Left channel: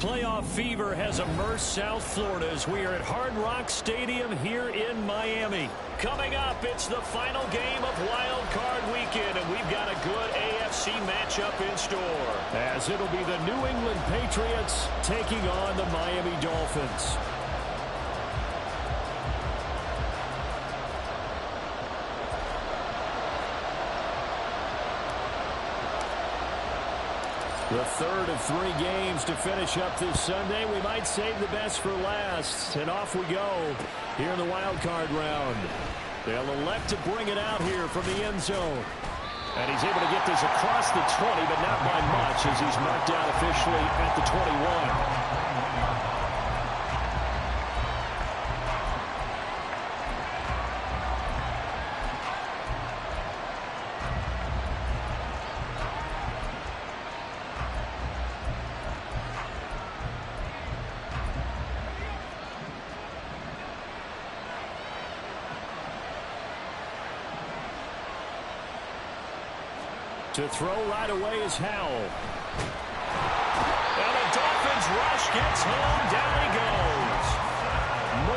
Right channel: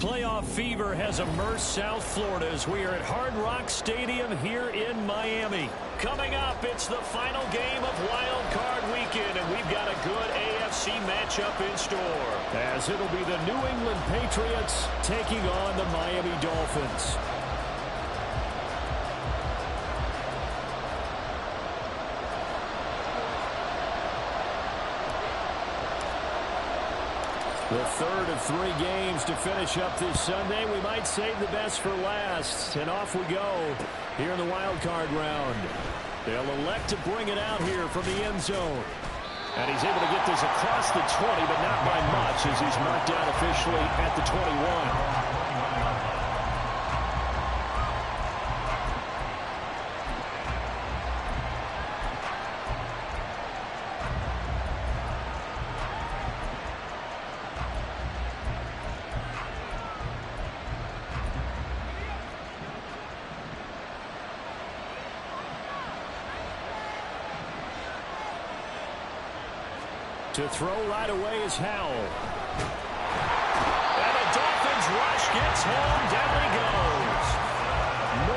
Playoff fever has immersed South Florida as we are at Hard Rock Stadium here in Miami. Coming up, it's the final game of Wildcard Weekend, and we've got a good AFC matchup in store, as it'll be the New England Patriots taking on the Miami Dolphins. The third of 3 games to finish up this Sunday. We might save the best for last. And off we go here in the wild card round. They'll elect to bring it out here from the end zone. And he's able to get this across the 20, but not by much, as he's marked down officially at the 21. To throw right away is Howell. And the Dolphins rush gets home. Down he goes.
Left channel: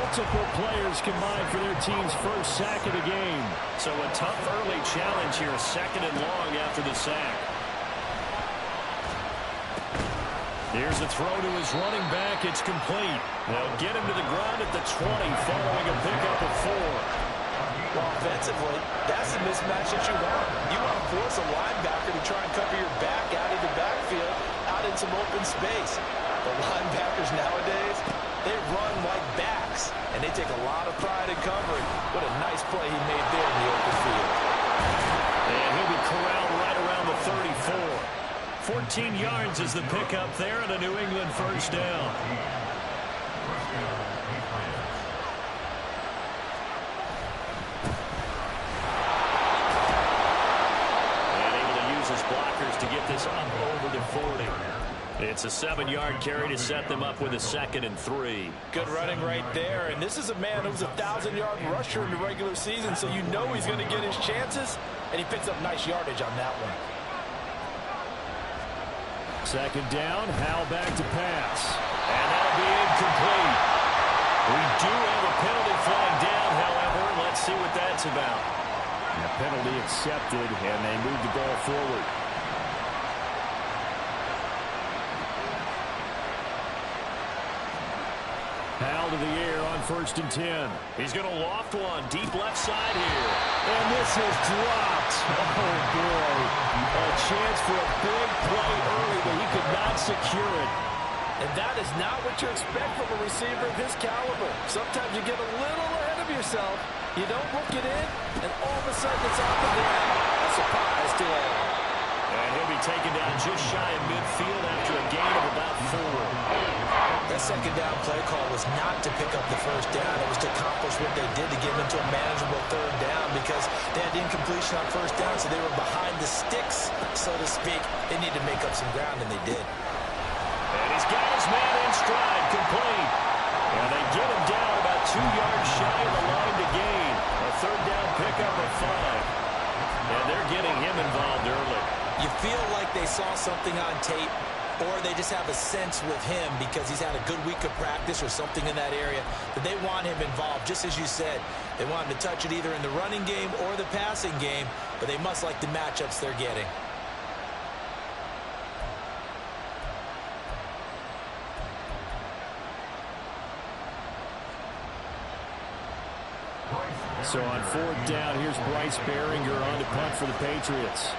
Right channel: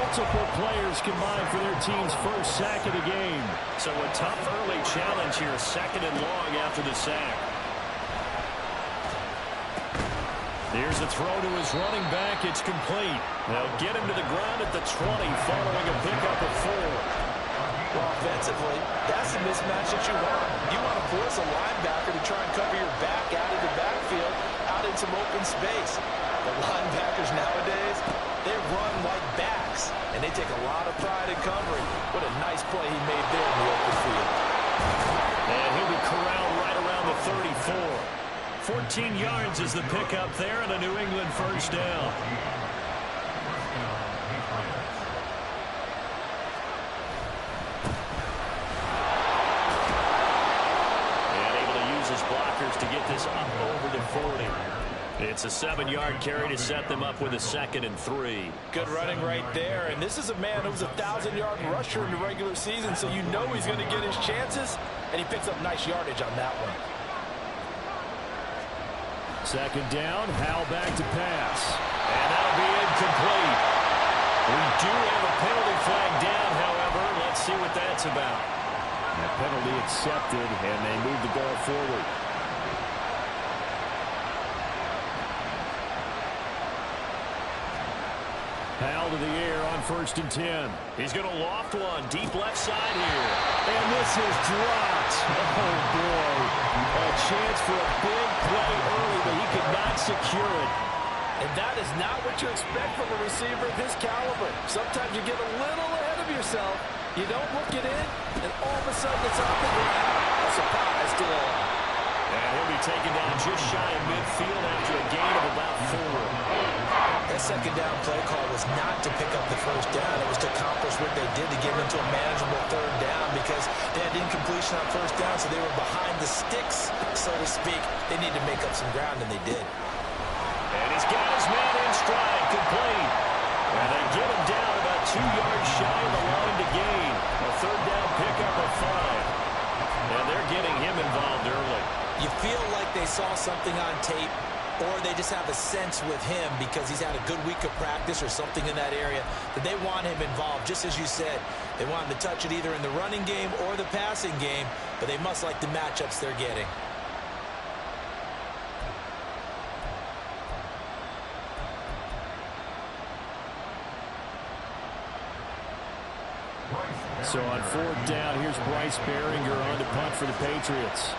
Multiple players combined for their team's first sack of the game. So a tough early challenge here. 2nd and long after the sack. Here's a throw to his running back. It's complete. They'll get him to the ground at the 20 following a pickup of 4. Well, offensively, that's the mismatch that you want. You want to force a linebacker to try and cover your back out of the backfield, out in some open space. The linebackers nowadays, they run like backs, and they take a lot of pride in covering. What a nice play he made there in the open field. And he'll be corralled right around the 34. 14 yards is the pickup there, and a New England first down. His blockers to get this up over the 40. It's a 7-yard carry to set them up with a 2nd and 3. Good running right there, and this is a man who's a 1,000-yard rusher in the regular season, so you know he's going to get his chances, and he picks up nice yardage on that one. 2nd down, Howell back to pass, and that'll be incomplete. We do have a penalty flag down, however. Let's see what that's about. A penalty accepted, and they move the ball forward. Howell to the air on 1st and 10. He's going to loft one deep left side here. And this is dropped. Oh, boy. A chance for a big play early, but he could not secure it. And that is not what you expect from a receiver of his caliber. Sometimes you get a little ahead of yourself. You don't look it in, and all of a sudden it's off the ground. A surprise to all. And he'll be taken down just shy of midfield after a gain of about 4. That 2nd down play call was not to pick up the 1st down. It was to accomplish what they did to get into a manageable 3rd down, because they had incompletion on 1st down, so they were behind the sticks, so to speak. They needed to make up some ground, and they did. And he's got his man in stride, complete. And they get him down about 2 yards shy of the line to gain. A 3rd down pickup of 5. And they're getting him involved early. You feel like they saw something on tape, or they just have a sense with him because he's had a good week of practice or something in that area that they want him involved. Just as you said, they want him to touch it either in the running game or the passing game, but they must like the matchups they're getting. So on 4th down, here's Bryce Behringer on to punt for the Patriots.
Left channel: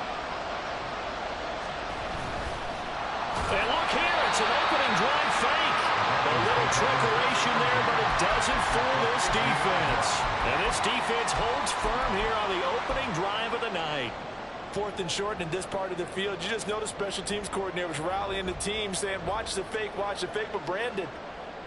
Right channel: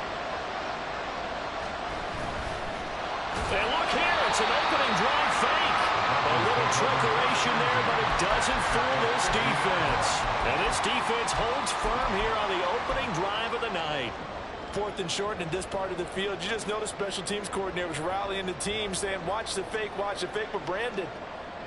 And look here, it's an opening drive fake. A little trickeration there, but it doesn't fool this defense. And this defense holds firm here on the opening drive of the night. 4th and short in this part of the field. You just noticed special teams coordinators rallying the team saying, watch the fake, but Brandon,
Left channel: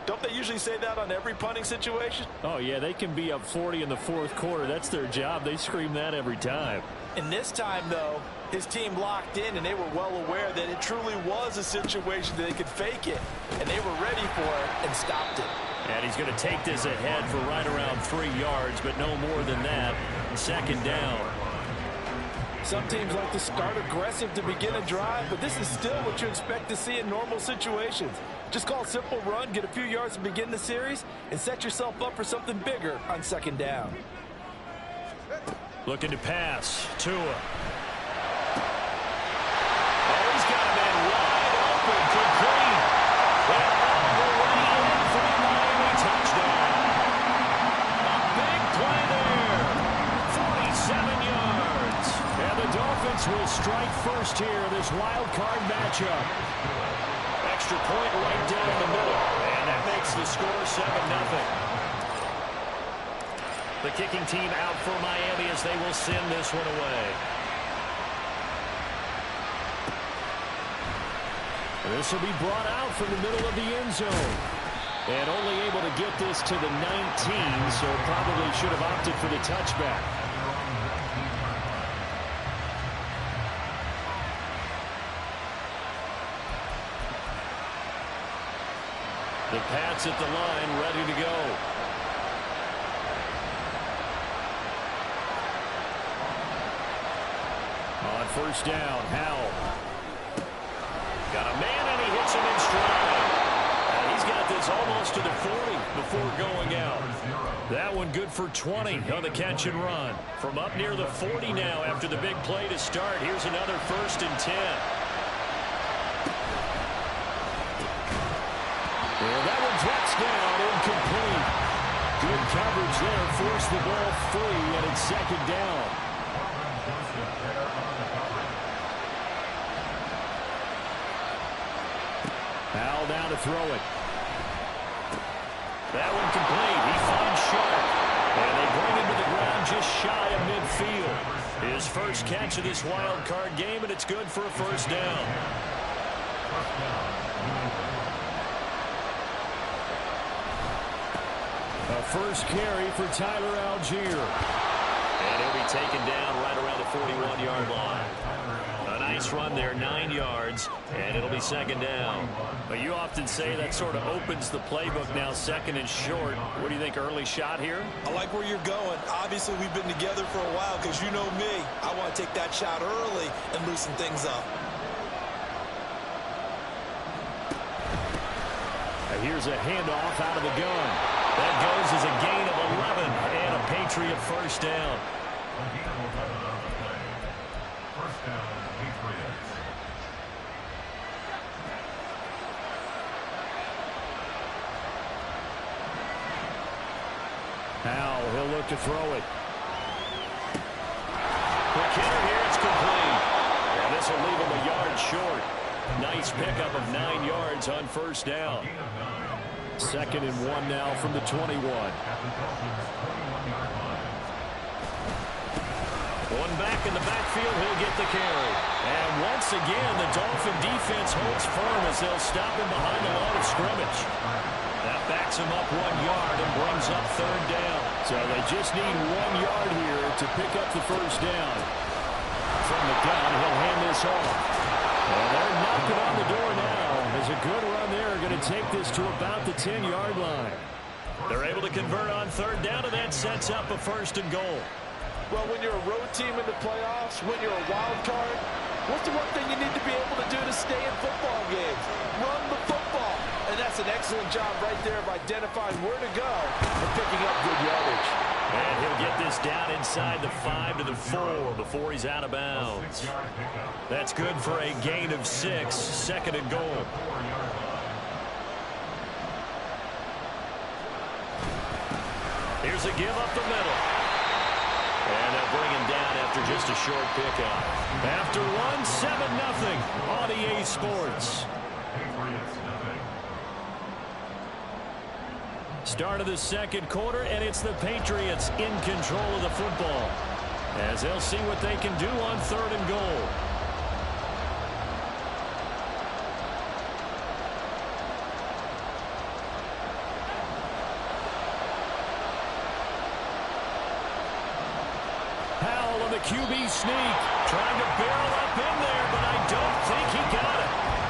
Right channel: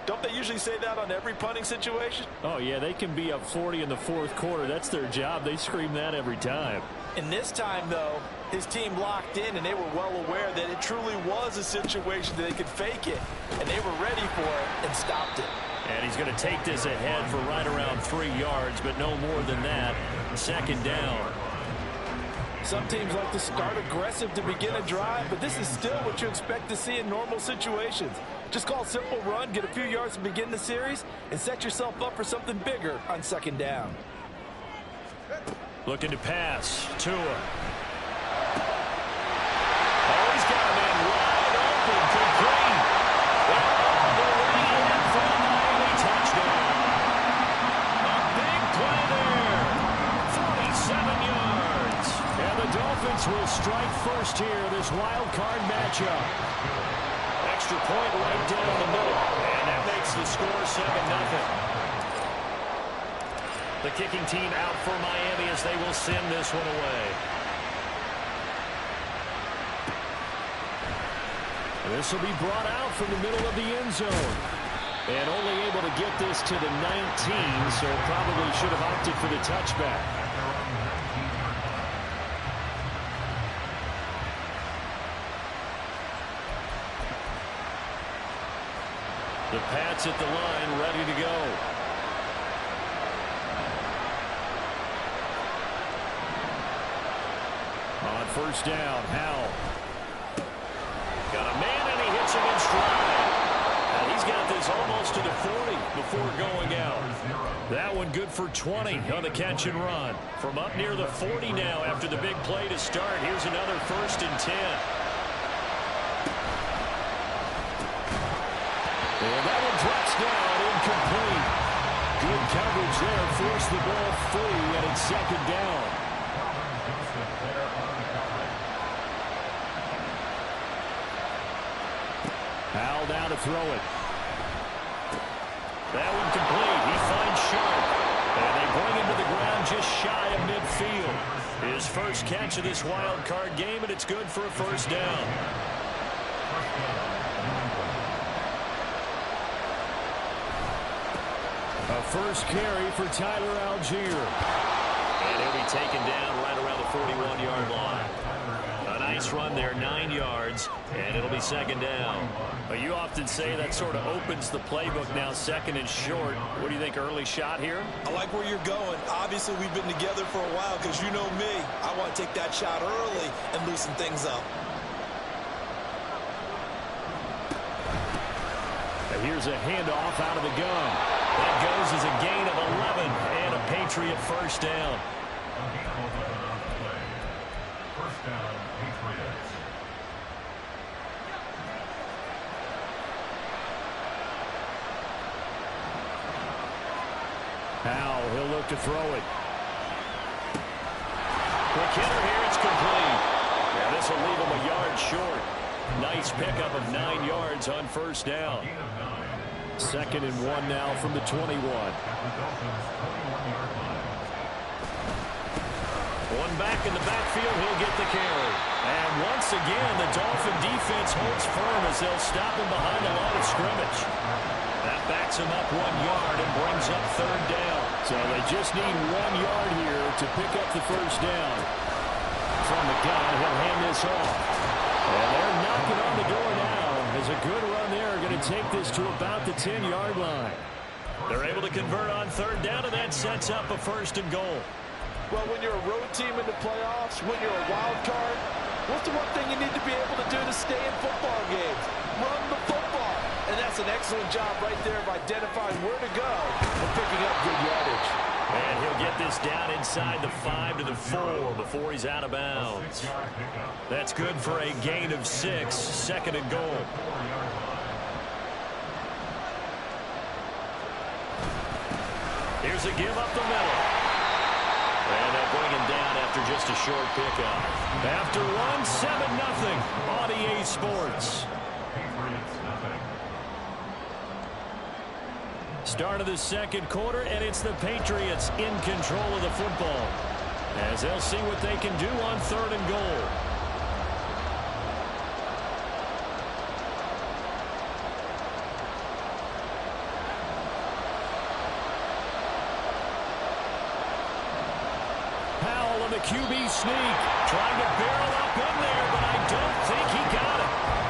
don't they usually say that on every punting situation? Oh, yeah, they can be up 40 in the 4th quarter. That's their job. They scream that every time. And this time, though, his team locked in, and they were well aware that it truly was a situation that they could fake it. And they were ready for it and stopped it. And he's going to take this ahead for right around 3 yards, but no more than that. 2nd down. Some teams like to start aggressive to begin a drive, but this is still what you expect to see in normal situations. Just call a simple run, get a few yards to begin the series, and set yourself up for something bigger on second down. Looking to pass. Tua. Oh, he's got a man wide open. Complete. And all the way in for a Miami touchdown. A big play there. 47 yards. And the Dolphins will strike first here, this wild card matchup. Extra point right down the middle. And that makes the score 7-0. The kicking team out for Miami as they will send this one away. And this will be brought out from the middle of the end zone. And only able to get this to the 19, so probably should have opted for the touchback. The Pats at the line, ready to go. On first down, Howell. Got a man, and he hits him in stride. And he's got this almost to the 40 before going out. That one good for 20 on the catch and run. From up near the 40 now after the big play to start. Here's another 1st and 10. And that one drops down, incomplete. Good coverage there, forced the ball free, and it's second down. Howell down to throw it. That one complete. He finds Sharp. And they bring him to the ground just shy of midfield. His first catch of this wild card game, and it's good for a first down. A first carry for Tyler Algier. And he'll be taken down right around the 41-yard line. A nice run there, 9 yards, and it'll be second down. But you often say that sort of opens the playbook now, second and short. What do you think, early shot here? I like where you're going. Obviously, we've been together for a while because you know me. I want to take that shot early and loosen things up. And here's a handoff out of the gun. That goes as a gain of 11 and a Patriot first down. First down, Patriots. Howell, he'll look to throw it. Quick hitter here, it's complete. Yeah, this will leave him a yard short. Nice pickup of 9 yards on first down. 2nd and 1 now from the 21. One back in the backfield, he'll get the carry. And once again, the Dolphin defense holds firm as they'll stop him behind the line of scrimmage. That backs him up 1 yard and brings up third down. So they just need 1 yard here to pick up the first down. From the gun, he'll hand this off. And they're knocking on the door now. As a good run there, going to take this to about the 10-yard line. They're able to convert on third down, and that sets up a 1st and goal. Well, when you're a road team in the playoffs, when you're a wild card, what's the one thing you need to be able to do to stay in football games? Run the football. And that's an excellent job right there of identifying where to go and picking up good yardage. And he'll get this down inside the 5 to the 4 before he's out of bounds. That's good for a gain of 6, 2nd and goal. Here's a give up the middle. And they'll bring him down after just a short pickup. After one, 7-0 on EA Sports. Start of the second quarter, and it's the Patriots in control of the football, as they'll see what they can do on 3rd and goal. Howell on the QB sneak, trying to barrel up in there, but I don't think he got it.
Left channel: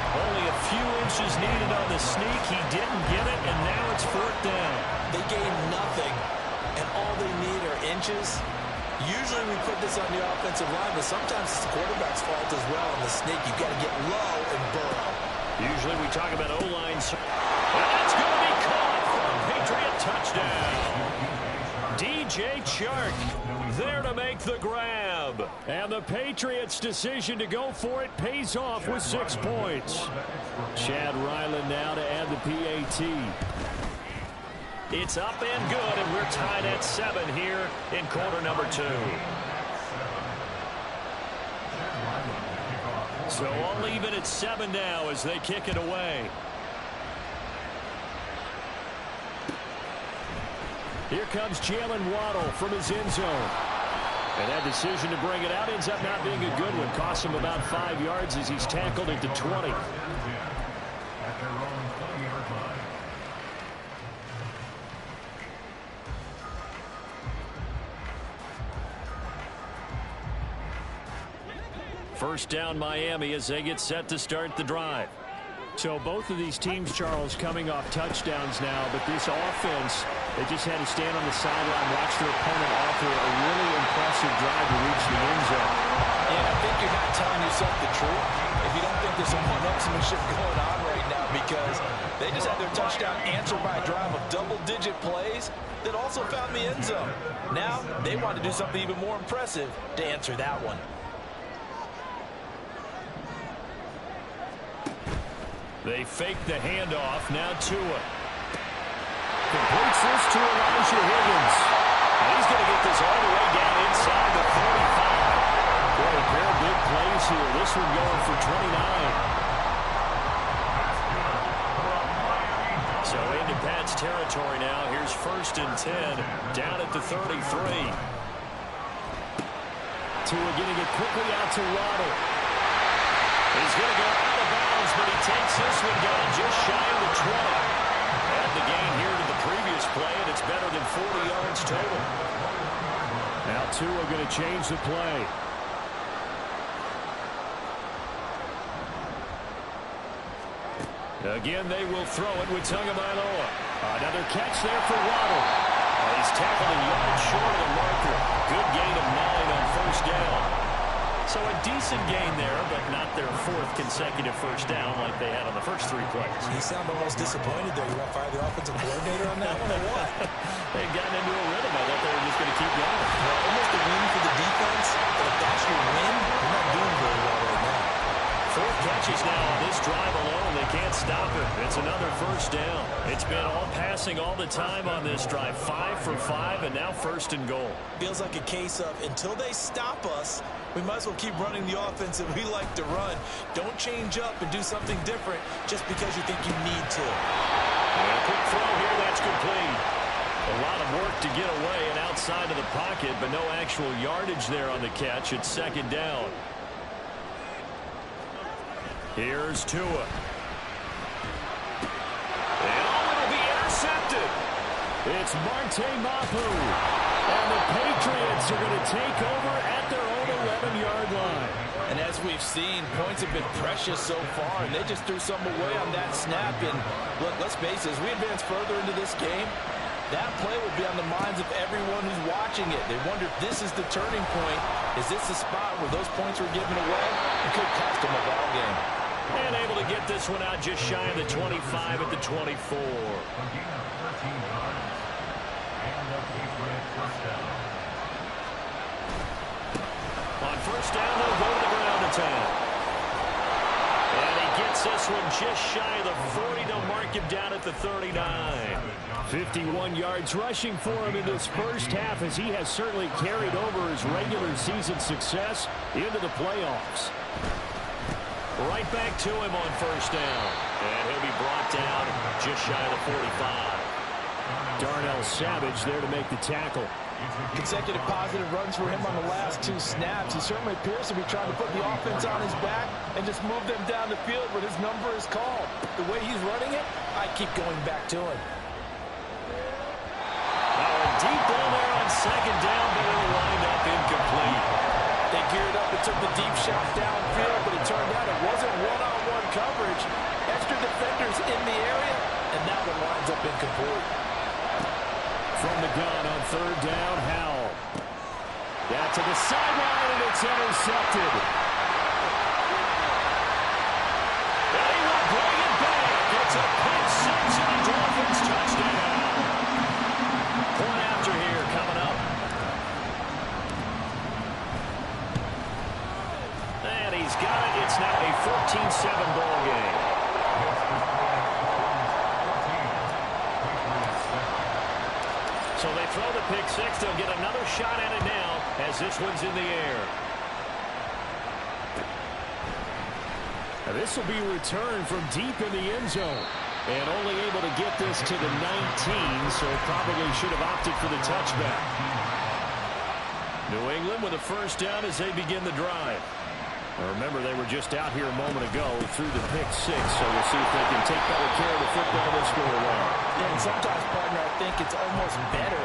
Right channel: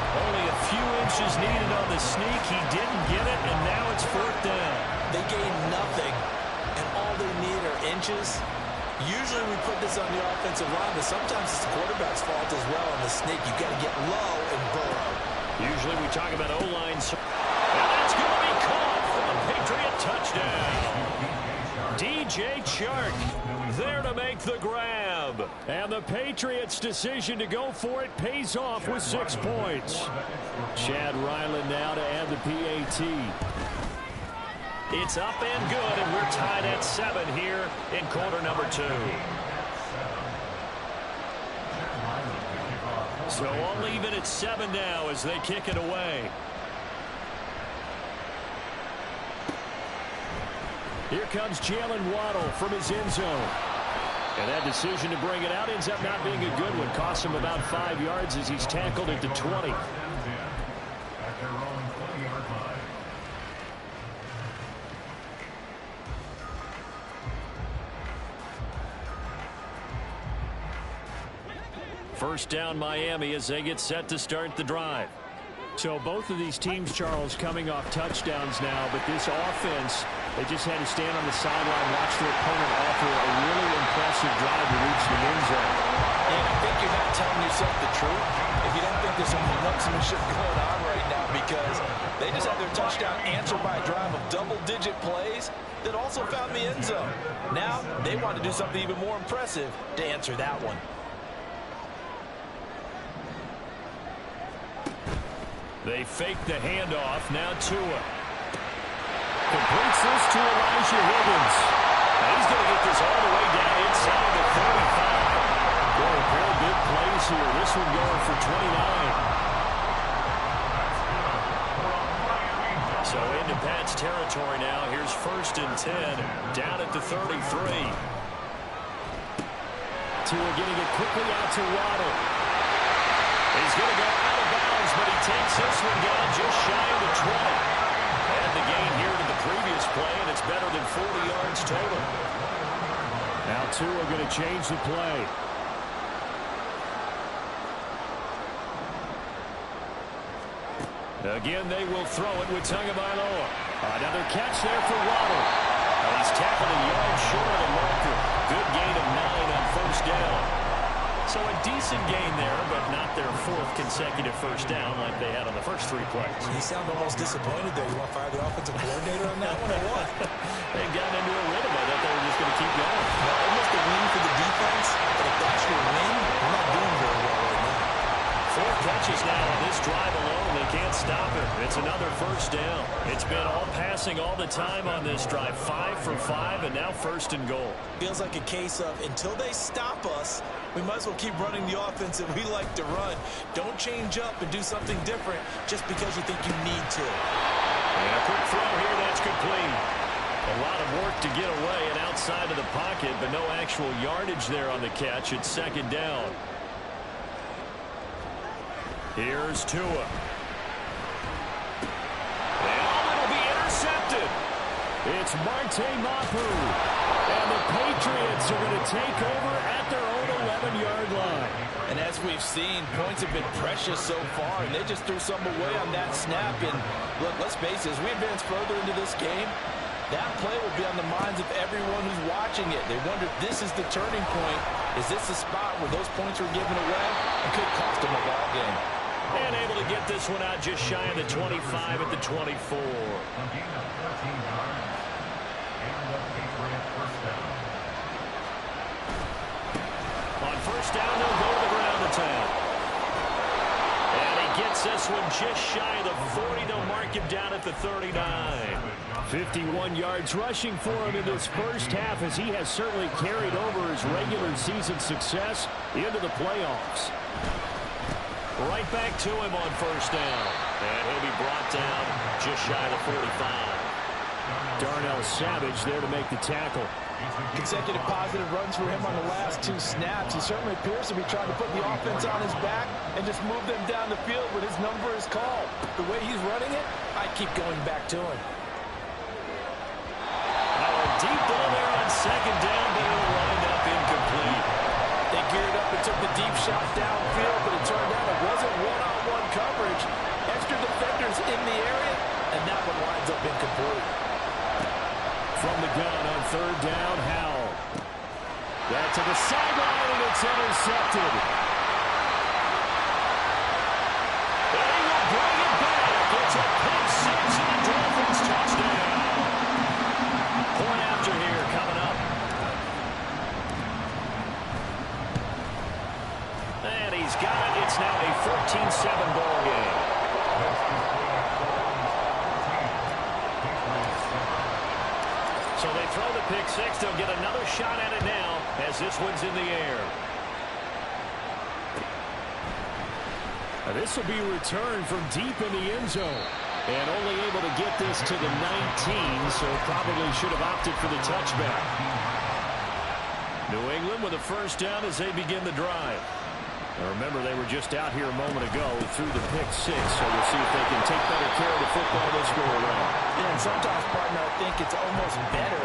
Only a few inches needed on the sneak. He didn't get it, and now it's 4th down. They gained nothing, and all they need are inches. Usually we put this on the offensive line, but sometimes it's the quarterback's fault as well. On the sneak, you've got to get low and burrow. Usually we talk about O-line. And that's going to be caught for a Patriot touchdown. DJ Chark there to make the grab. And the Patriots' decision to go for it pays off with 6 points. Chad Ryland now to add the PAT. It's up and good, and we're tied at 7 here in quarter number 2. So all even at 7 now as they kick it away. Here comes Jalen Waddle from his end zone. And that decision to bring it out ends up not being a good one. Costs him about 5 yards as he's tackled at the 20. First down Miami as they get set to start the drive. So both of these teams, Charles, coming off touchdowns now, but this offense, they just had to stand on the sideline, watch their opponent offer a really impressive drive to reach the end zone. And I think you're not telling yourself the truth if you don't think there's some one-upsmanship going on right now, because they just had their touchdown answered by a drive of double-digit plays that also found the end zone. Now they want to do something even more impressive to answer that one. They fake the handoff. Now Tua completes this to Elijah Higgins. And he's going to get this all the way down inside the 35. Boy, a pair of big plays here. This one going for 29. So into Pat's territory now. Here's 1st and 10 down at the 33. Tua getting it quickly out to Waddle. He's going to go out of bounds, but he takes this one down just shy of the 20. And the gain here to the previous play, and it's better than 40 yards total. Now Tua going to change the play. Again, they will throw it with Tagovailoa. Another catch there for Waddle. And he's tackled a yard short of the marker. Good gain of 9 on 1st down. So a decent gain there, but not their 4th consecutive 1st down like they had on the first 3 plays. You sound almost disappointed there. You want to fire the offensive coordinator on that one or what? They've gotten into a rhythm. I thought they were just going to keep going. Well, almost a win for the defense, but if that's your win, you're not doing very well right now. 4 catches now on this drive alone. They can't stop it. It's another 1st down. It's been all passing all the time on this drive. 5 for 5, and now 1st and goal. Feels like a case of until they stop us, we might as well keep running the offense that we like to run. Don't change up and do something different just because you think you need to. And a quick throw here. That's complete. A lot of work to get away and outside of the pocket, but no actual yardage there on the catch. It's 2nd down. Here's Tua. And it'll be intercepted. It's Marte Mapu. And the Patriots are going to take over at their own 11-yard line. And as we've seen, points have been precious so far, and they just threw some away on that snap. And look, let's face it, as we advance further into this game, that play will be on the minds of everyone who's watching it. They wonder if this is the turning point. Is this the spot where those points were given away? It could cost them a ball game. And able to get this one out just shy of the 25 at the 24. A gain of 13 yards. And a Patriot 1st down. On 1st down, they'll go to the ground attack. And he gets this one just shy of the 40. They'll mark him down at the 39. 51 yards rushing for him in this 1st half, as he has certainly carried over his regular season success into the playoffs. Right back to him on 1st down. And he'll be brought down just shy of the 45. Darnell Savage there to make the tackle. Consecutive positive runs for him on the last 2 snaps. He certainly appears to be trying to put the offense on his back and just move them down the field when his number is called. The way he's running it, I keep going back to him. Now a deep ball there on 2nd down, but it'll wind up incomplete. They geared up and took the deep shot downfield, but it turned out it wasn't one-on-one coverage. Extra defenders in the area, and that one winds up incomplete. From the gun on 3rd down, Howell. That to the sideline, and it's intercepted. And he will bring it back. It's a pick six and a Dolphins touchdown. Point after here coming up. And he's got it. It's now a 14-7 ball game. So they throw the pick six. They'll get another shot at it now as this one's in the air. Now this will be returned from deep in the end zone. And only able to get this to the 19, so probably should have opted for the touchback. New England with a first down as they begin the drive. Now remember, they were just out here a moment ago through the pick six, so we'll see if they can take better care of the football this go around. Yeah, and sometimes, partner, I think it's almost better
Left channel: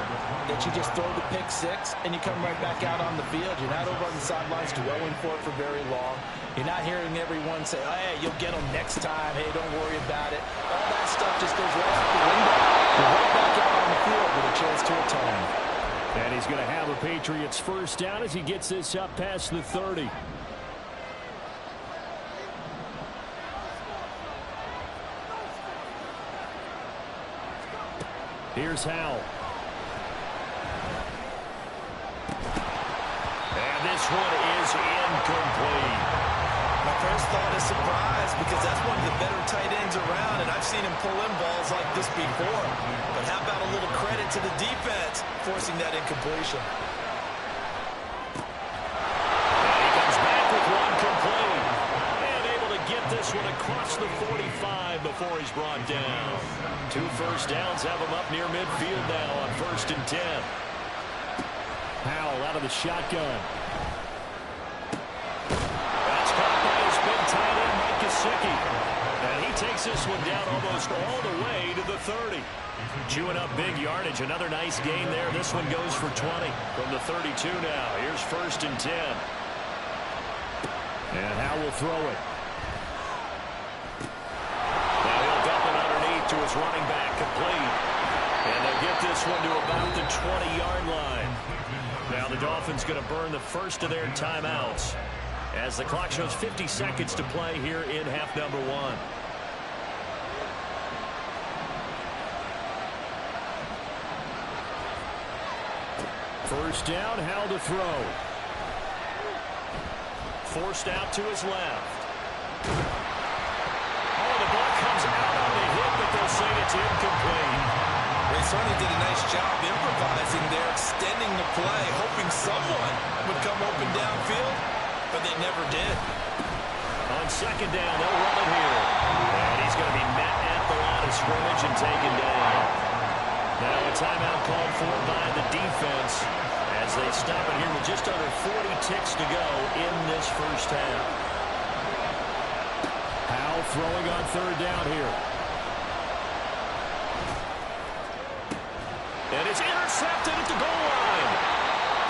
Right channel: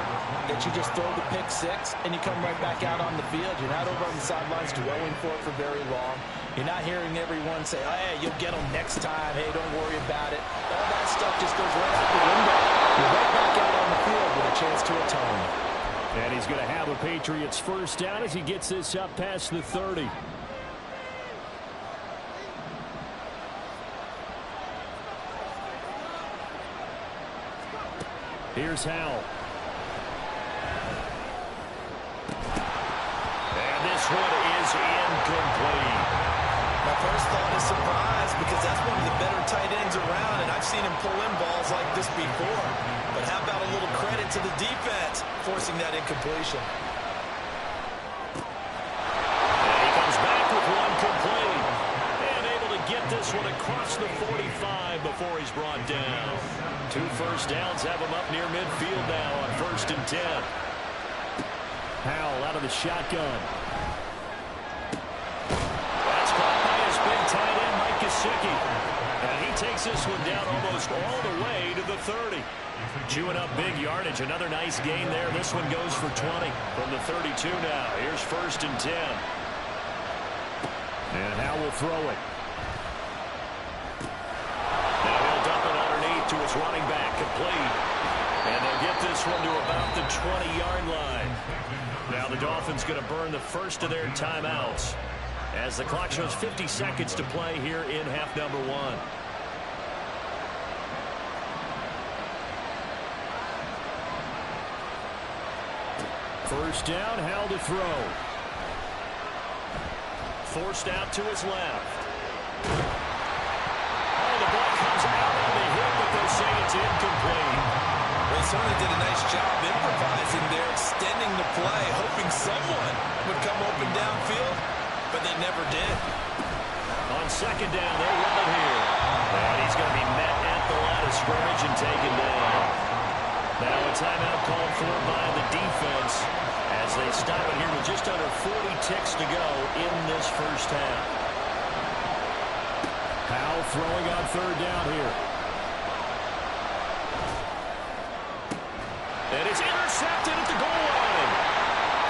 that you just throw the pick six and you come right back out on the field. You're not over on the sidelines dwelling for it for very long. You're not hearing everyone say, oh, hey, you'll get them next time. Hey, don't worry about it. All that stuff just goes right out the window. You're right back out on the field with a chance to atone. And he's going to have a Patriots first down as he gets this up past the 30. Here's Howell. And this one is incomplete. My first thought is surprise because that's one of the better tight ends around, and I've seen him pull in balls like this before. But how about a little credit to the defense forcing that incompletion? And he comes back with one complete. And able to get this one across the 45 before he's brought down. 2 first downs have him up near midfield now on 1st and 10. Howell out of the shotgun. That's caught by his big tight end, Mike Gesicki. And he takes this one down almost all the way to the 30. Chewing up big yardage. Another nice gain there. This one goes for 20 from the 32 now. Here's 1st and 10. And Howell will throw it. Now he'll dump it underneath to his running back, complete. And they'll get this one to about the 20-yard line. Now the Dolphins going to burn the first of their timeouts as the clock shows 50 seconds to play here in half number 1. First down, Howell to throw. Forced out to his left. Oh, the ball comes out on the hit, but they'll say it's incomplete. They certainly did a nice job improvising there, extending the play, hoping someone would come open downfield, but they never did. On 2nd down, they'll run it here. And he's going to be met at the line of scrimmage and taken down. Now a timeout called for by the defense as they stop it here with just under 40 ticks to go in this first half. Howell throwing on 3rd down here. And it's intercepted at the goal line.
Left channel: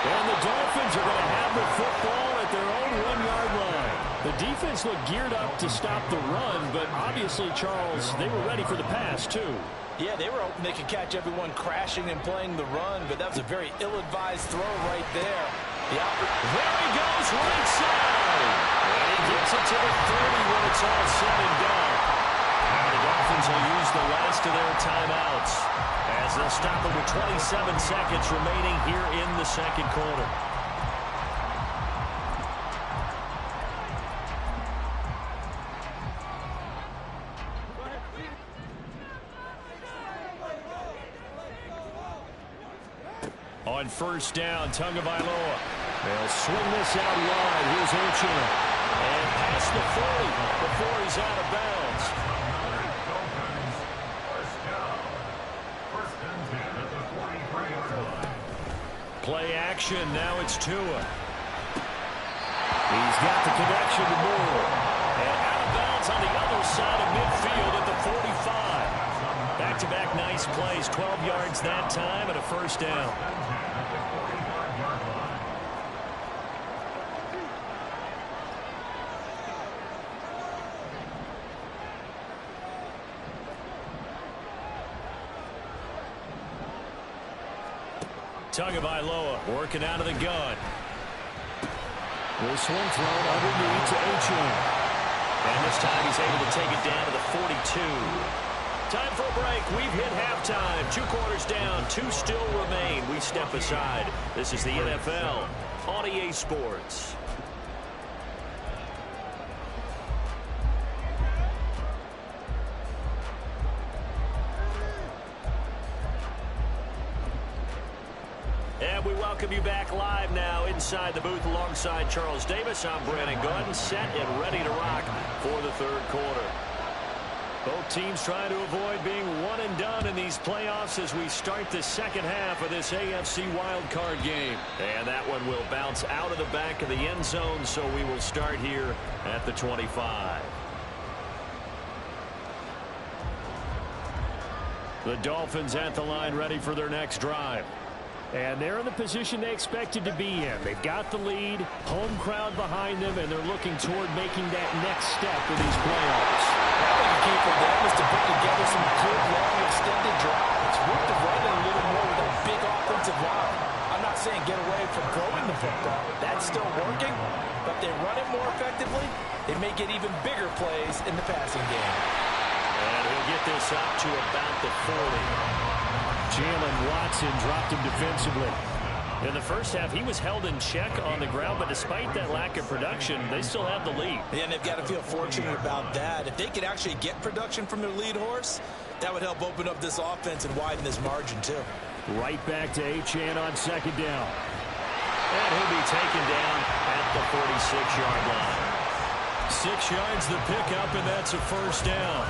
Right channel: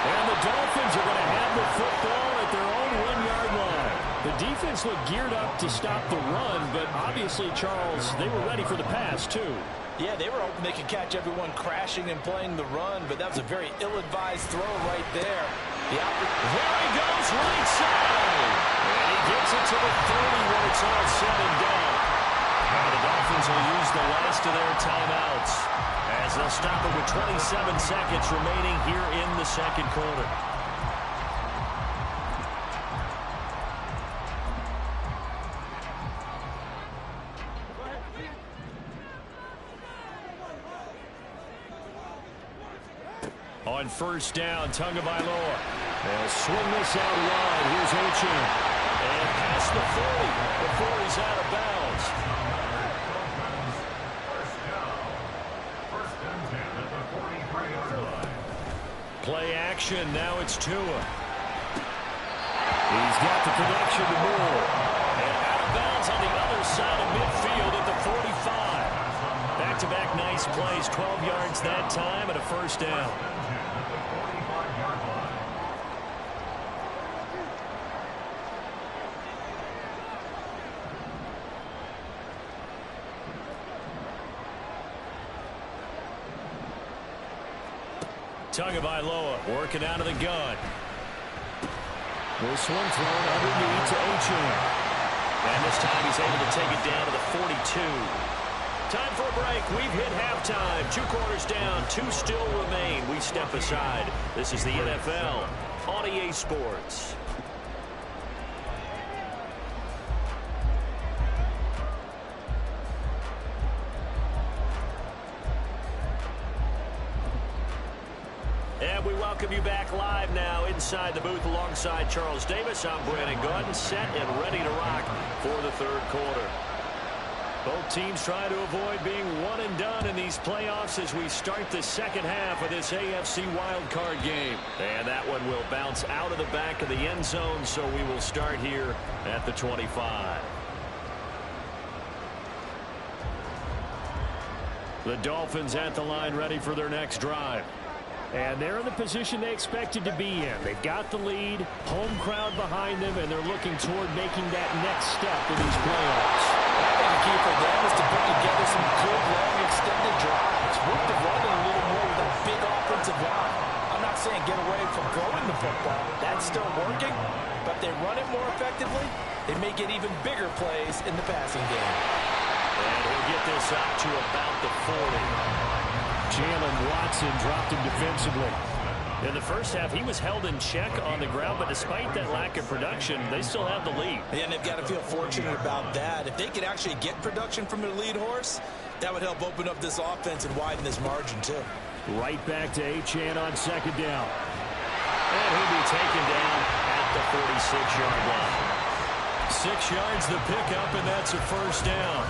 And the Dolphins are going to have the football at their own 1-yard line. The defense looked geared up to stop the run, but obviously, Charles, they were ready for the pass, too. Yeah, they were hoping they could catch everyone crashing and playing the run, but that was a very ill-advised throw right there. There he goes, right side. And he gets it to the 30 when it's all said and done. Now the Dolphins will use the last of their timeouts as they'll stop it with 27 seconds remaining here in the 2nd quarter. On 1st down, Tagovailoa. They'll swing this out wide. Here's Achane. And past the 40 before he's out of bounds. First and 10 at the 43-yard line. Play action. Now it's Tua. He's got the connection to Moore. And out of bounds on the other side of midfield at the 45. Back-to-back nice plays. 12 yards that time and a first down. Tagovailoa working out of the gun. This one thrown underneath to Achane. And this time he's able to take it down to the 42. Time for a break. We've hit halftime. 2 quarters down. 2 still remain. We step aside. This is the NFL on EA Sports. And we welcome you back live now inside the booth alongside Charles Davis. I'm Brandon Gunn, set and ready to rock for the third quarter. Both teams trying to avoid being one and done in these playoffs as we start the second half of this AFC wildcard game. And that one will bounce out of the back of the end zone, so we will start here at the 25. The Dolphins at the line ready for their next drive. And they're in the position they expected to be in. They've got the lead, home crowd behind them, and they're looking toward making that next step in these playoffs. I think a key for them is to put together some good, long, extended drives. Work the run a little more with that big offensive line. I'm not saying get away from throwing the football. That's still working. But if they run it more effectively, they may get even bigger plays in the passing game. And he'll get this up to about the 40. Jalen Watson dropped him defensively. In the first half, he was held in check on the ground, but despite that lack of production, they still have the lead. And they've got to feel fortunate about that. If they could actually get production from their lead horse, that would help open up this offense and widen this margin, too. Right back to Achane on second down. And he'll be taken down at the 46-yard line. 6 yards the pickup, and that's a first down.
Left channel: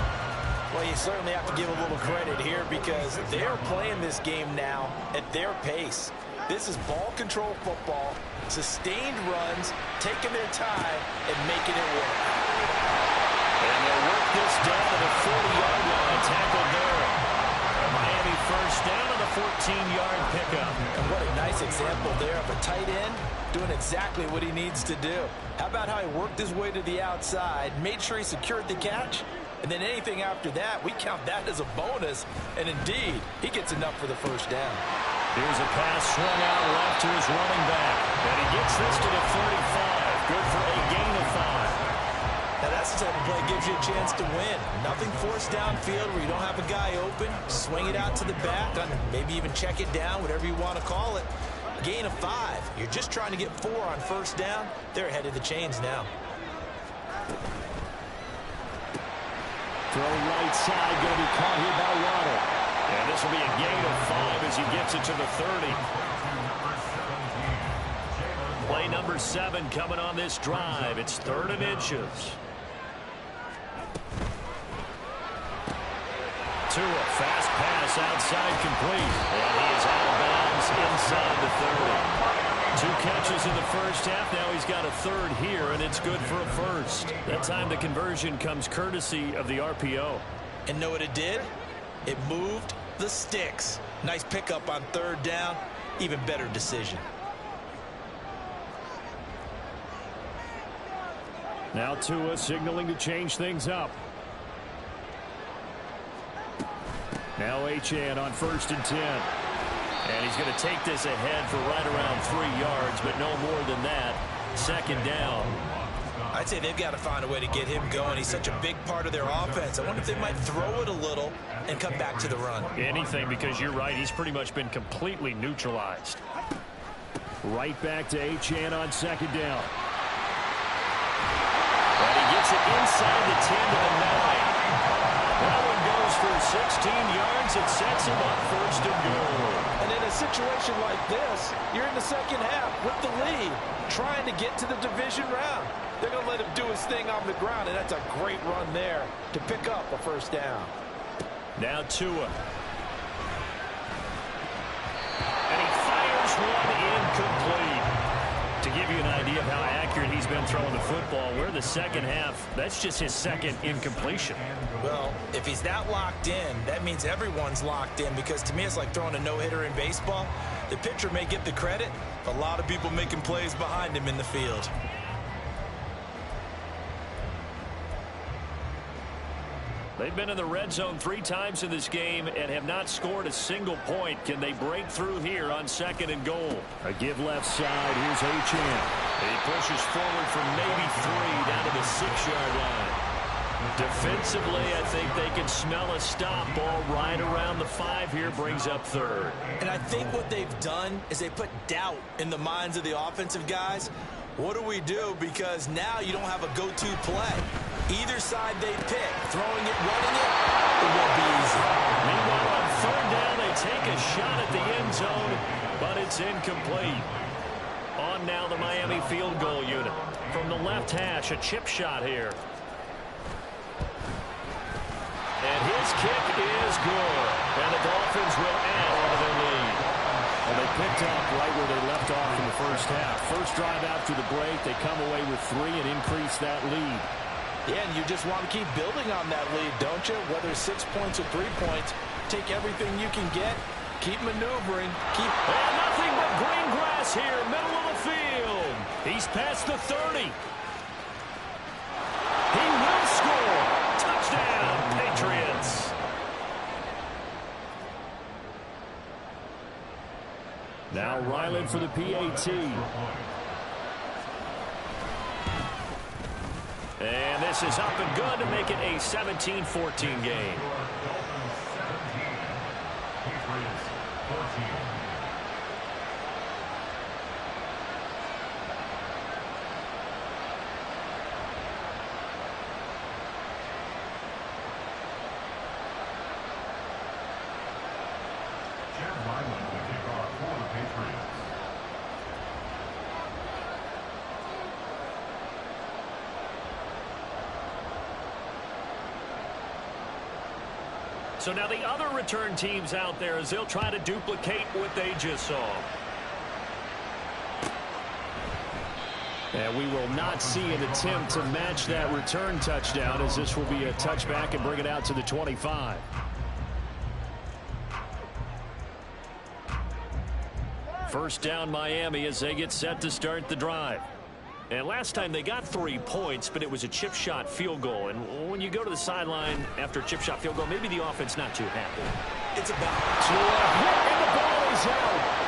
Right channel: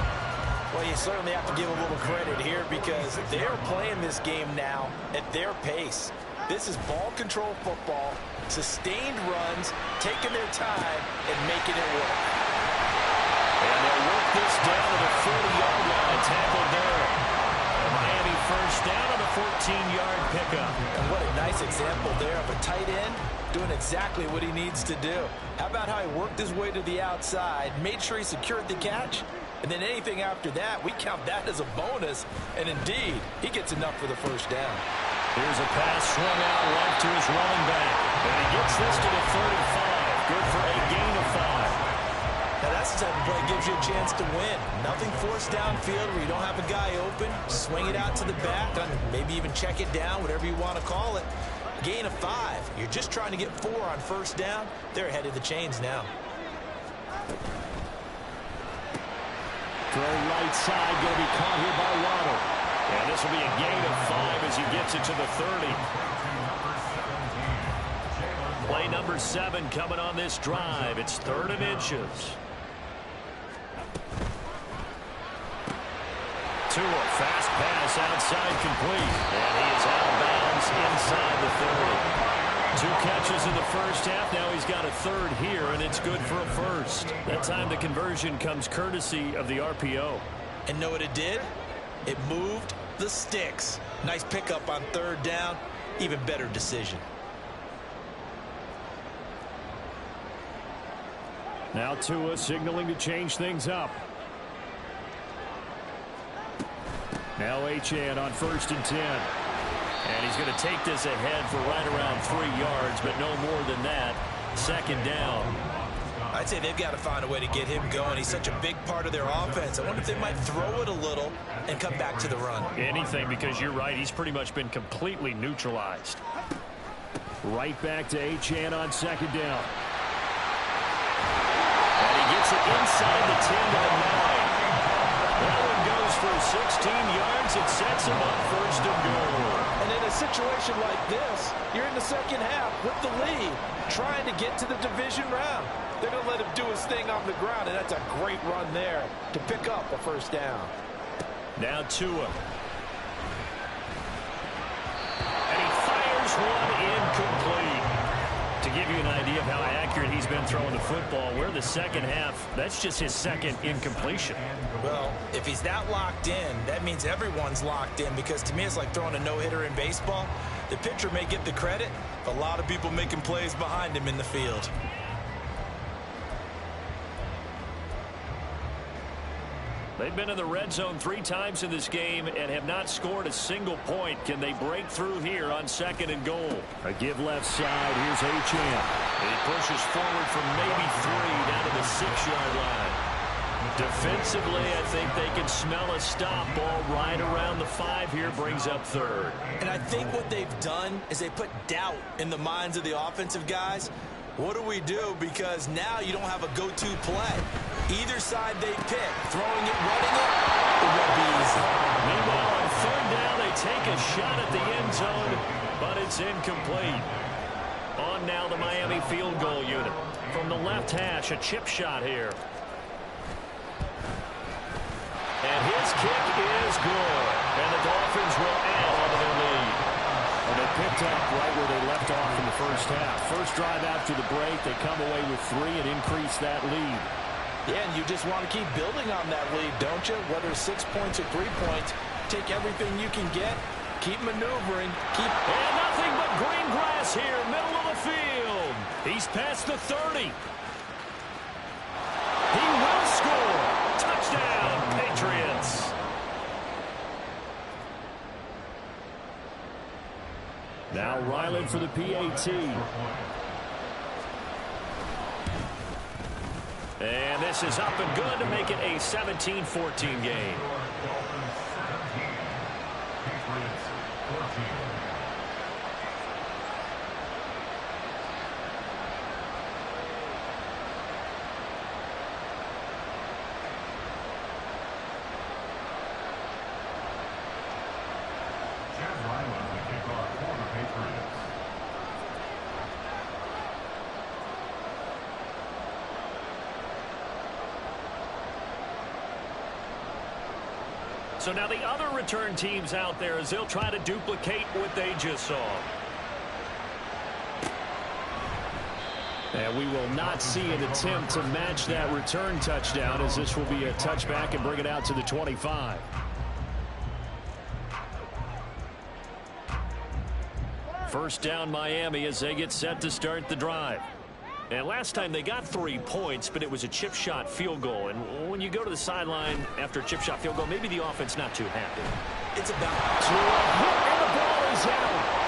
Well, you certainly have to give a little credit here because they're playing this game now at their pace. This is ball control football, sustained runs, taking their time, and making it work. And they'll work this down to the 40-yard line, tackled there. A Miami first down on the 14-yard pickup. And what a nice example there of a tight end doing exactly what he needs to do. How about how he worked his way to the outside, made sure he secured the catch, and then anything after that, we count that as a bonus. And indeed, he gets enough for the first down. Here's a pass swung out left to his running back. And he gets this to the 35. Good for a gain of 5. Now that's the type of play that gives you a chance to win. Nothing forced downfield where you don't have a guy open. Swing it out to the back, maybe even check it down, whatever you want to call it. Gain of 5. You're just trying to get 4 on first down. They're ahead of the chains now. Throw right side, going to be caught here by Waddle. And this will be a gain of 5 as he gets it to the 30. Play number 7 coming on this drive. It's 3rd and inches. Tua, fast pass outside complete. And he is out of bounds inside the 30. 2 catches in the first half. Now he's got a 3rd here, and it's good for a first. That time the conversion comes courtesy of the RPO. And know what it did? It moved the sticks. Nice pickup on 3rd down. Even better decision. Now Tua signaling to change things up. Now Achane on 1st and 10. And he's going to take this ahead for right around 3 yards, but no more than that. 2nd down. I'd say they've got to find a way to get him going. He's such a big part of their offense. I wonder if they might throw it a little and come back to the run. Anything, because you're right. He's pretty much been completely neutralized. Right back to Achane on 2nd down. And he gets it inside the 10 to the 9. That one goes for 16 yards. It sets him up 1st and goal. And in a situation like this, you're in the second half with the lead, trying to get to the division round. They're going to let him do his thing on the ground, and that's a great run there to pick up a 1st down. Now Tua. And he fires one incomplete. To give you an idea of how accurate he's been throwing the football, we're the second half. That's just his 2nd incompletion. Well, if he's that locked in, that means everyone's locked in, because to me it's like throwing a no-hitter in baseball. The pitcher may get the credit, a lot of people making plays behind him in the field. They've been in the red zone 3 times in this game and have not scored a single point. Can they break through here on 2nd and goal? A give left side. Here's Achane. He pushes forward from maybe 3 down to the 6-yard line. Defensively, I think they can smell a stop. Ball right around the 5 here, brings up 3rd. And I think what they've done is they put doubt in the minds of the offensive guys. What do we do? Because now you don't have a go-to play. Either side they pick, throwing it, running it, it won't be easy. Meanwhile, on 3rd down, they take a shot at the end zone, but it's incomplete. On now the Miami field goal unit. From the left hash, a chip shot here. And his kick is good. And the Dolphins will add on to their lead. Well, they picked up right where they left off in the first half. First drive after the break, they come away with 3 and increase that lead. Yeah, and you just want to keep building on that lead, don't you? Whether it's 6 points or 3 points, take everything you can get, keep maneuvering, And nothing but green grass here, middle of the field. He's past the 30. He will score. Touchdown, Patriots. Now Ryland for the PAT. And this is up and good to make it a 17-14 game. Dolphins 17, Patriots 14. Chad Ryland will kick off for the Patriots. So now the other return teams out there as they'll try to duplicate what they just saw. And we will not see an attempt to match that return touchdown, as this will be a touchback and bring it out to the 25. First down Miami as they get set to start the drive. And last time they got 3 points, but it was a chip shot field goal. And when you go to the sideline after a chip shot field goal, maybe the offense not too happy. It's about To a hit, and the ball is out.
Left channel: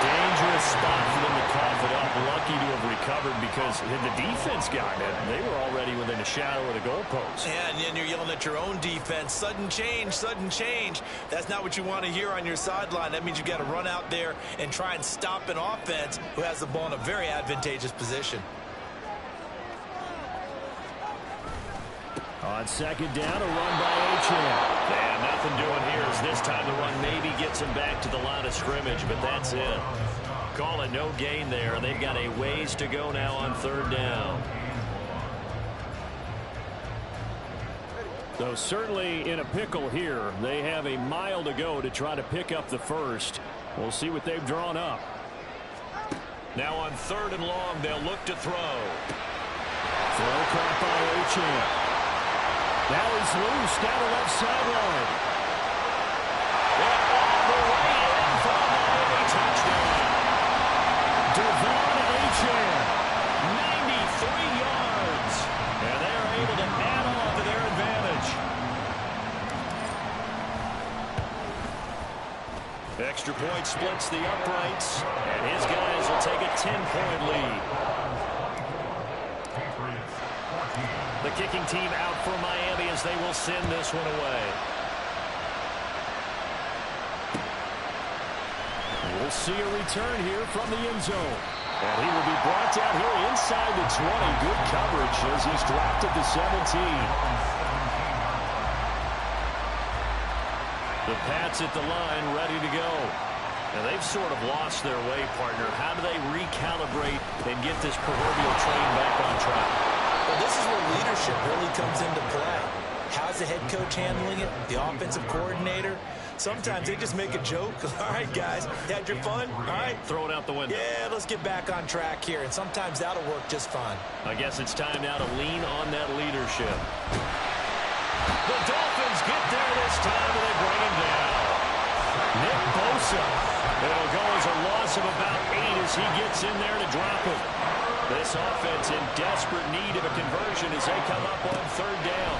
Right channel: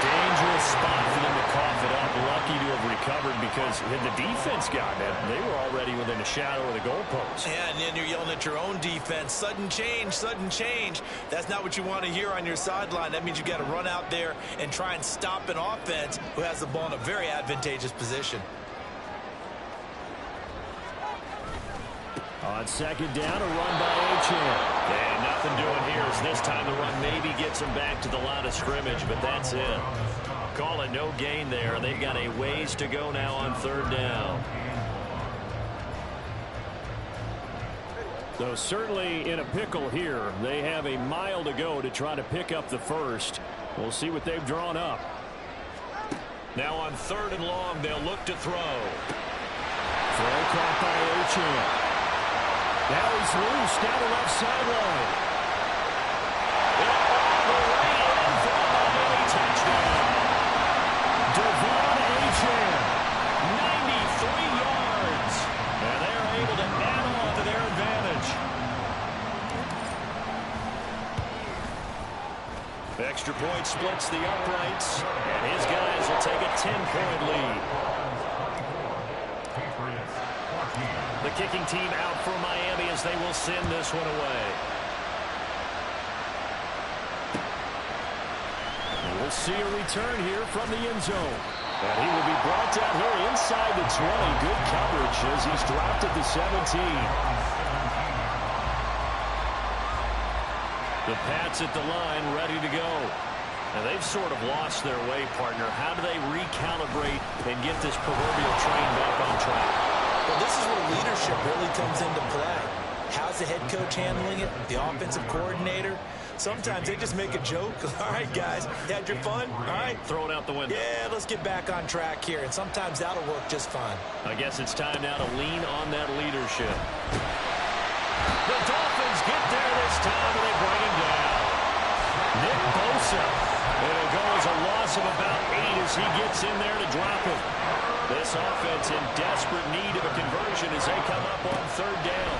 Dangerous spot for them to cough it up. Lucky to have recovered because had the defense gotten it, they were already within a shadow of the goalpost. Yeah, and then you're yelling at your own defense. Sudden change, sudden change. That's not what you want to hear on your sideline. That means you got to run out there and try and stop an offense who has the ball in a very advantageous position. On second down, a run by Achane. And nothing doing here as this time the run maybe gets them back to the line of scrimmage, but that's it. Call it no gain there. They've got a ways to go now on 3rd down. So certainly in a pickle here. They have a mile to go to try to pick up the first. We'll see what they've drawn up. Now on 3rd and long, they'll look to throw. Throw caught by Achane. Now he's loose down the left sideline. And all the way in for a Miami touchdown. Devon Achane, 93 yards. And they are able to add on to their advantage. Extra point splits the uprights. And his guys will take a 10-point lead. Patriots 14. The kicking team out for Miami as they will send this one away. We'll see a return here from the end zone. And he will be brought down here inside the 20. Good coverage as he's dropped at the 17. The Pats at the line ready to go. And they've sort of lost their way, partner. How do they recalibrate and get this proverbial train back on track? Well, this is where leadership really comes into play. How's the head coach handling it? The offensive coordinator? Sometimes they just make a joke. All right, guys, had your fun? All right. Throw it out the window. Yeah, let's get back on track here. And sometimes that'll work just fine. I guess it's time now to lean on that leadership. The Dolphins get there this time, and they bring him down. Nick Bosa. It'll go as a loss of about 8 as he gets in there to drop him. This offense in desperate need of a conversion as they come up on 3rd down.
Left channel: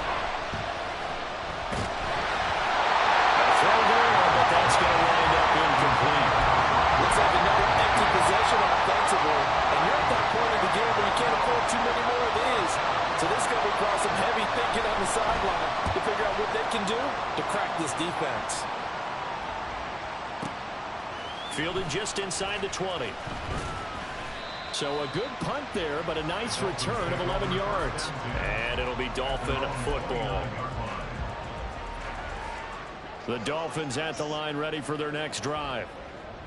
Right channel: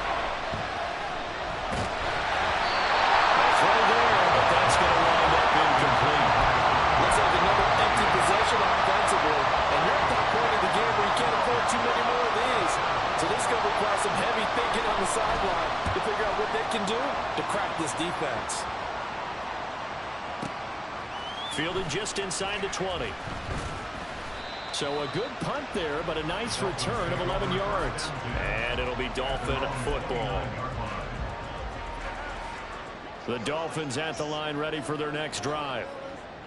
A throw there, but that's going to wind up incomplete. Looks like another empty possession offensively. And you're at that point one too many more of these. So this is going to require some heavy thinking on the sideline to figure out what they can do to crack this defense. Fielded just inside the 20. So a good punt there, but a nice return of 11 yards. And it'll be Dolphin football. The Dolphins at the line, ready for their next drive.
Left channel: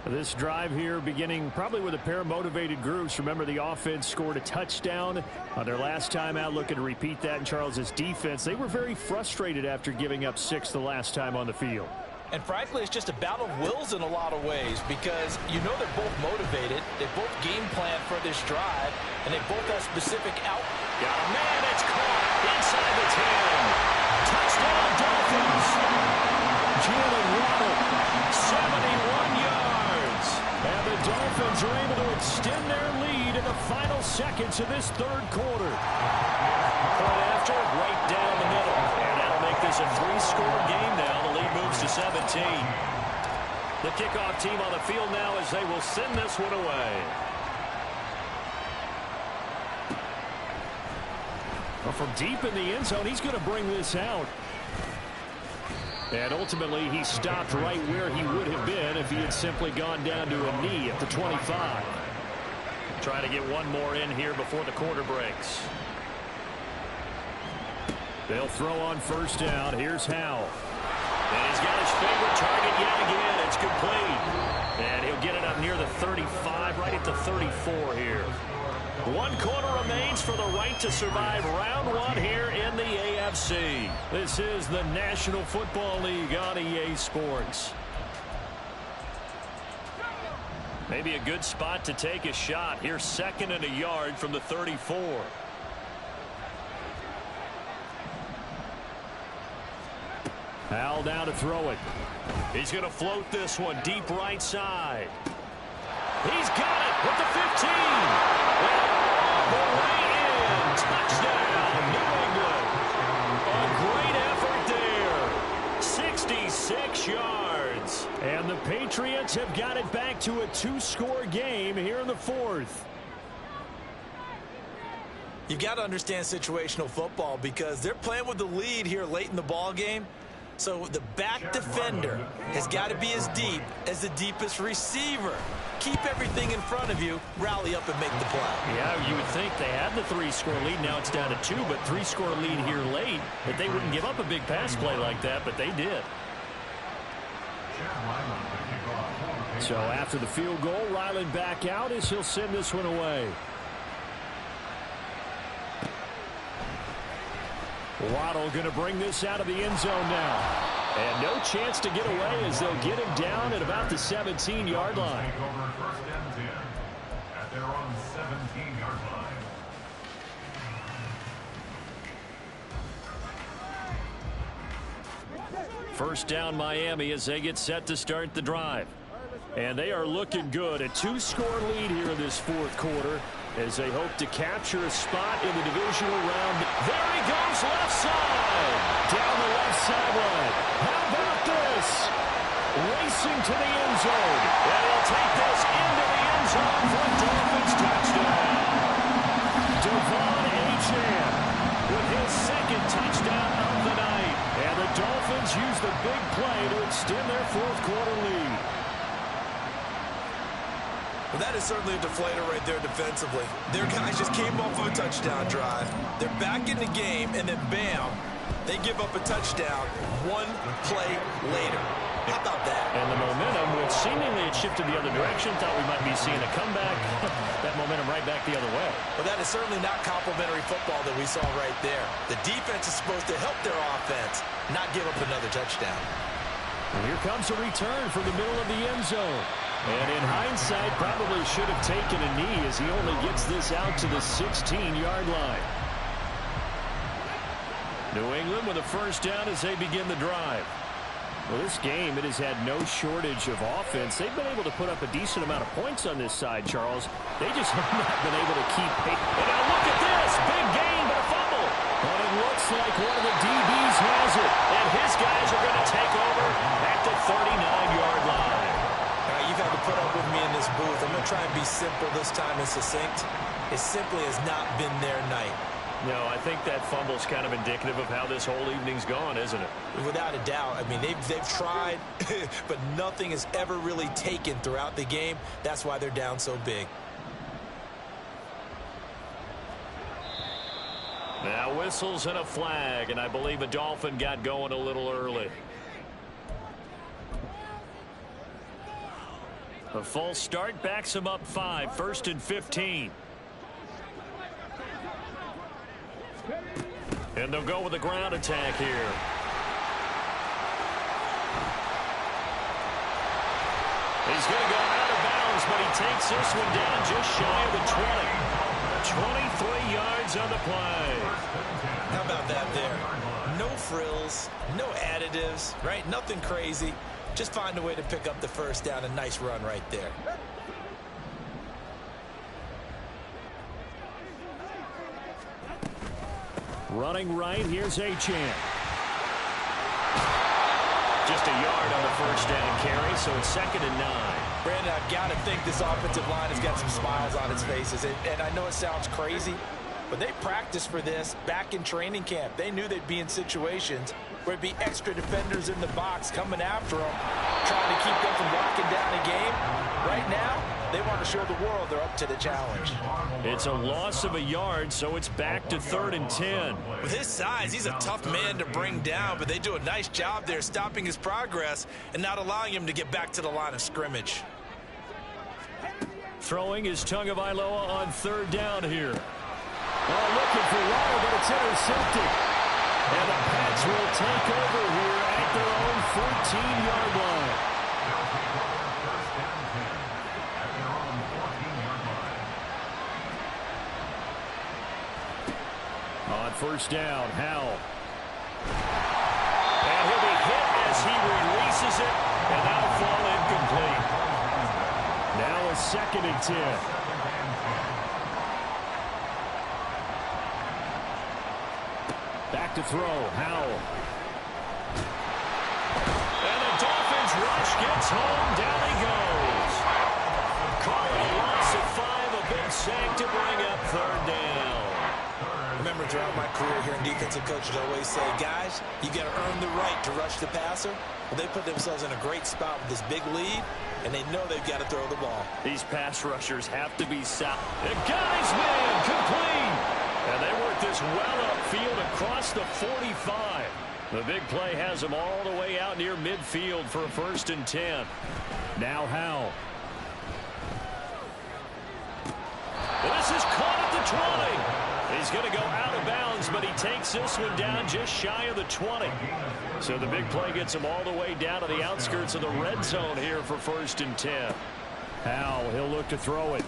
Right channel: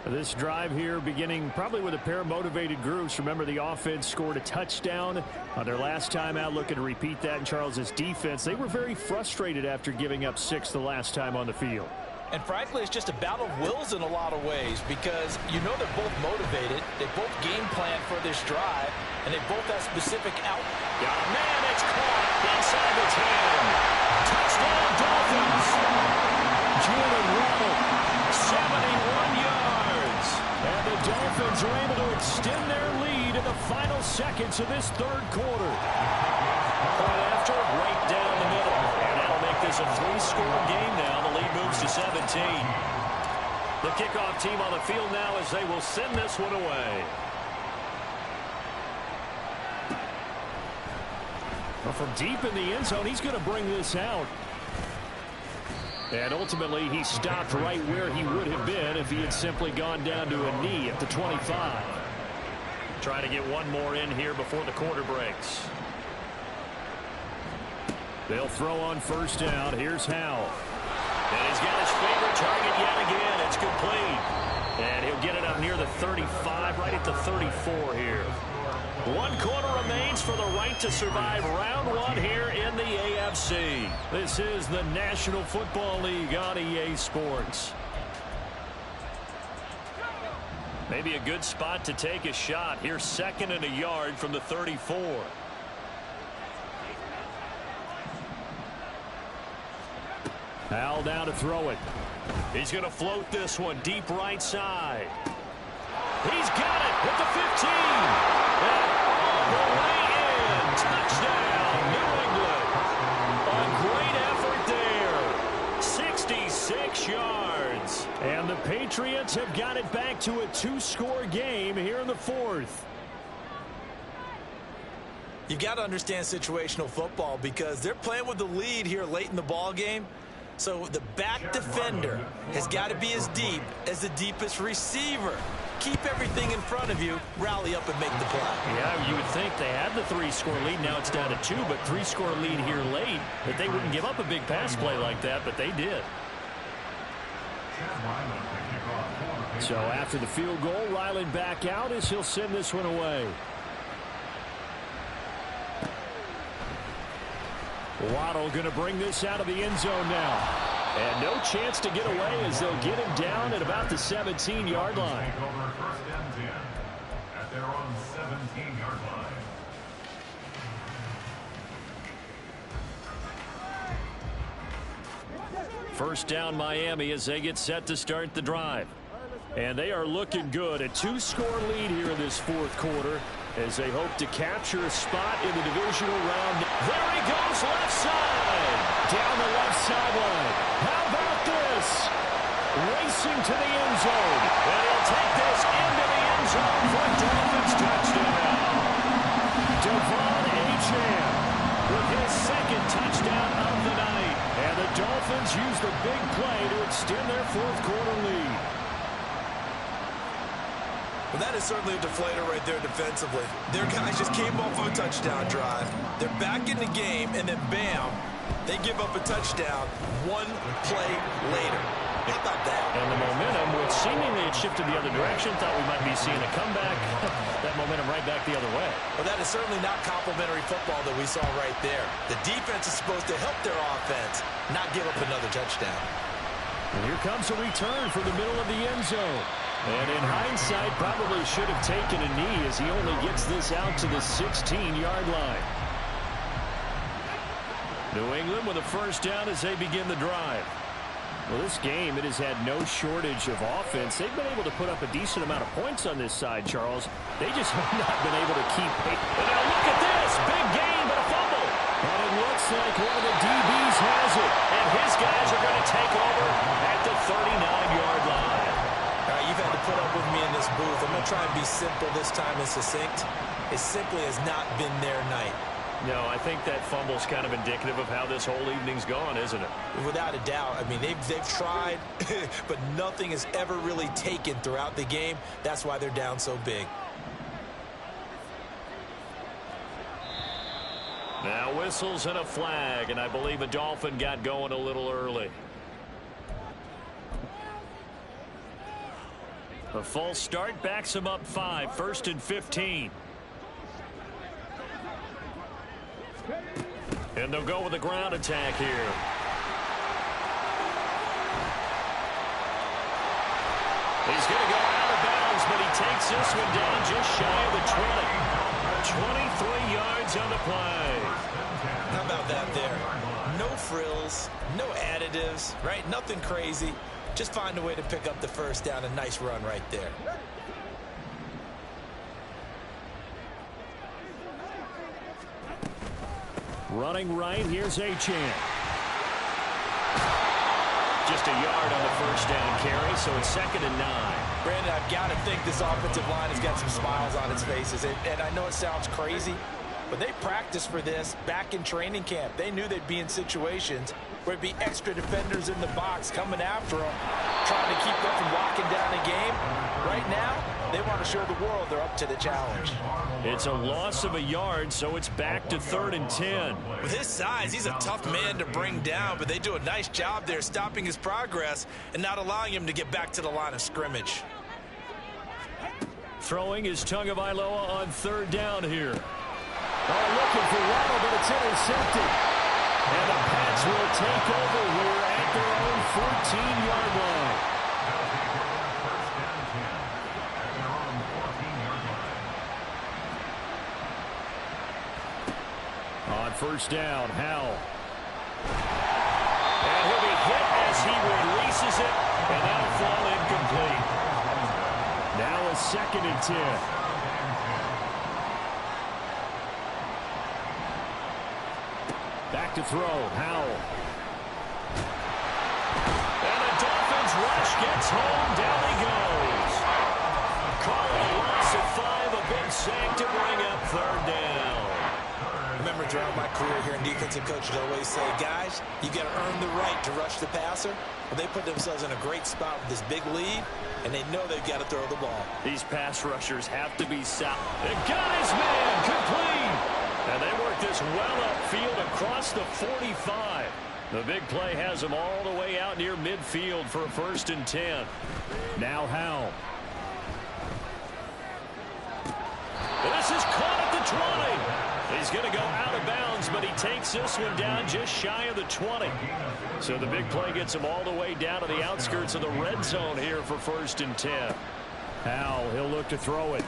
This drive here beginning probably with a pair of motivated groups. Remember, the offense scored a touchdown on their last time out, looking to repeat that in Charles's defense. They were very frustrated after giving up 6 the last time on the field. And frankly, it's just a battle of wills in a lot of ways because you know they're both motivated. They both game plan for this drive, and they both have specific out. Got a man, it's caught inside the 10. Touchdown, Dolphins. Jalen Waddle, 71 yards. And the Dolphins are able to extend their lead in the final seconds of this third quarter. Point after, right down the middle. And that'll make this a 3-score game now. The lead moves to 17. The kickoff team on the field now as they will send this one away. Well, from deep in the end zone, he's going to bring this out. And ultimately, he stopped right where he would have been if he had simply gone down to a knee at the 25. Try to get one more in here before the quarter breaks. They'll throw on first down. Here's Howell. And he's got his favorite target yet again. It's complete. And he'll get it up near the 35, right at the 34 here. 1 quarter remains for the right to survive round 1 here in the AFC. This is the National Football League on EA Sports. Maybe a good spot to take a shot. Here's 2nd and a yard from the 34. Howell down to throw it. He's going to float this one deep right side. He's got it with the 15. And all the way in. Touchdown, New England. A great effort there. 66 yards. And the Patriots have got it back to a 2-score game here in the 4th. You've got to understand situational football because they're playing with the lead here late in the ball game. So the back defender has got to be as deep as the deepest receiver. Keep everything in front of you, rally up and make the play. Yeah, you would think they had the 3-score lead. Now it's down to 2, but 3-score lead here late. That they wouldn't give up a big pass play like that, but they did. So after the field goal, Ryland back out as he'll send this one away. Waddle going to bring this out of the end zone now. And no chance to get away as they'll get him down at about the 17-yard line. Over 1st and 10 at their own 17-yard line. First down Miami as they get set to start the drive. And they are looking good. A 2-score lead here in this 4th quarter as they hope to capture a spot in the divisional round. There he goes, left side. Down the left sideline. How about this? Racing to the end zone. And he'll take this into the end zone for a Dolphins touchdown. Devon Achane with his 2nd touchdown of the night. And the Dolphins use the big play to extend their 4th quarter lead. Well, that is certainly a deflator right there defensively. Their guys just came off of a touchdown drive. They're back in the game, and then bam, they give up a touchdown 1 play later. How about that? And the momentum, which seemingly had shifted the other direction, thought we might be seeing a comeback. That momentum right back the other way. Well, that is certainly not complimentary football that we saw right there. The defense is supposed to help their offense, not give up another touchdown. And here comes a return from the middle of the end zone. And in hindsight, probably should have taken a knee as he only gets this out to the 16-yard line. New England with a first down as they begin the drive. Well, this game, it has had no shortage of offense. They've been able to put up a decent amount of points on this side, Charles. They just have not been able to keep pace. But now look at this. Big gain, but a fumble. But it looks like one of the DBs has it. And his guys are going to take over at the 39-yard line. All right, you've had to put up with me in this booth. I'm going to try and be simple this time and succinct. It simply has not been their night. No, I think that fumble's kind of indicative of how this whole evening's gone, isn't it? Without a doubt. I mean, they've tried, but nothing has ever really taken throughout the game. That's why they're down so big. Now whistles and a flag, and I believe a Dolphin got going a little early. A false start backs him up 5, 1st and 15. And they'll go with a ground attack here. He's going to go out of bounds, but he takes this one down just shy of the 20. 23 yards on the play. How about that there? No frills, no additives, right? Nothing crazy. Just find a way to pick up the first down. A nice run right there. Running right, here's Achane. Just a yard on the first down carry, so it's 2nd and 9. Brandon, I've got to think this offensive line has got some smiles on its faces. And I know it sounds crazy, but they practiced for this back in training camp. They knew they'd be in situations where there'd be extra defenders in the box coming after them, trying to keep them from locking down a game. Right now, they want to show the world they're up to the challenge. It's a loss of a yard, so it's back to 3rd and 10. With his size, he's a tough man to bring down, but they do a nice job there stopping his progress and not allowing him to get back to the line of scrimmage. Throwing is Tagovailoa on 3rd down here. Oh, looking for Waddle, but it's intercepted. And the Pats will take over here at their own 14-yard line. They'll take over 1st and 10 at their own 14-yard line. On 1st down, Howell. And he'll be hit as he releases it, and that'll fall incomplete. Now a 2nd and 10. Back to throw, Howell. And the Dolphins rush gets home, down he goes. Call it a loss of 5, a big sack to bring up 3rd down. Remember, throughout my career here in defensive coaches, I always say, guys, you got to earn the right to rush the passer. Well, they put themselves in a great spot with this big lead, and they know they've got to throw the ball. These pass rushers have to be sound. The guy's man, complete. And they work this well upfield across the 45. The big play has them all the way out near midfield for a 1st and 10. Now Howell. This is caught at the 20. He's going to go out of bounds, but he takes this one down just shy of the 20. So the big play gets him all the way down to the outskirts of the red zone here for 1st and 10. Howell, he'll look to throw it.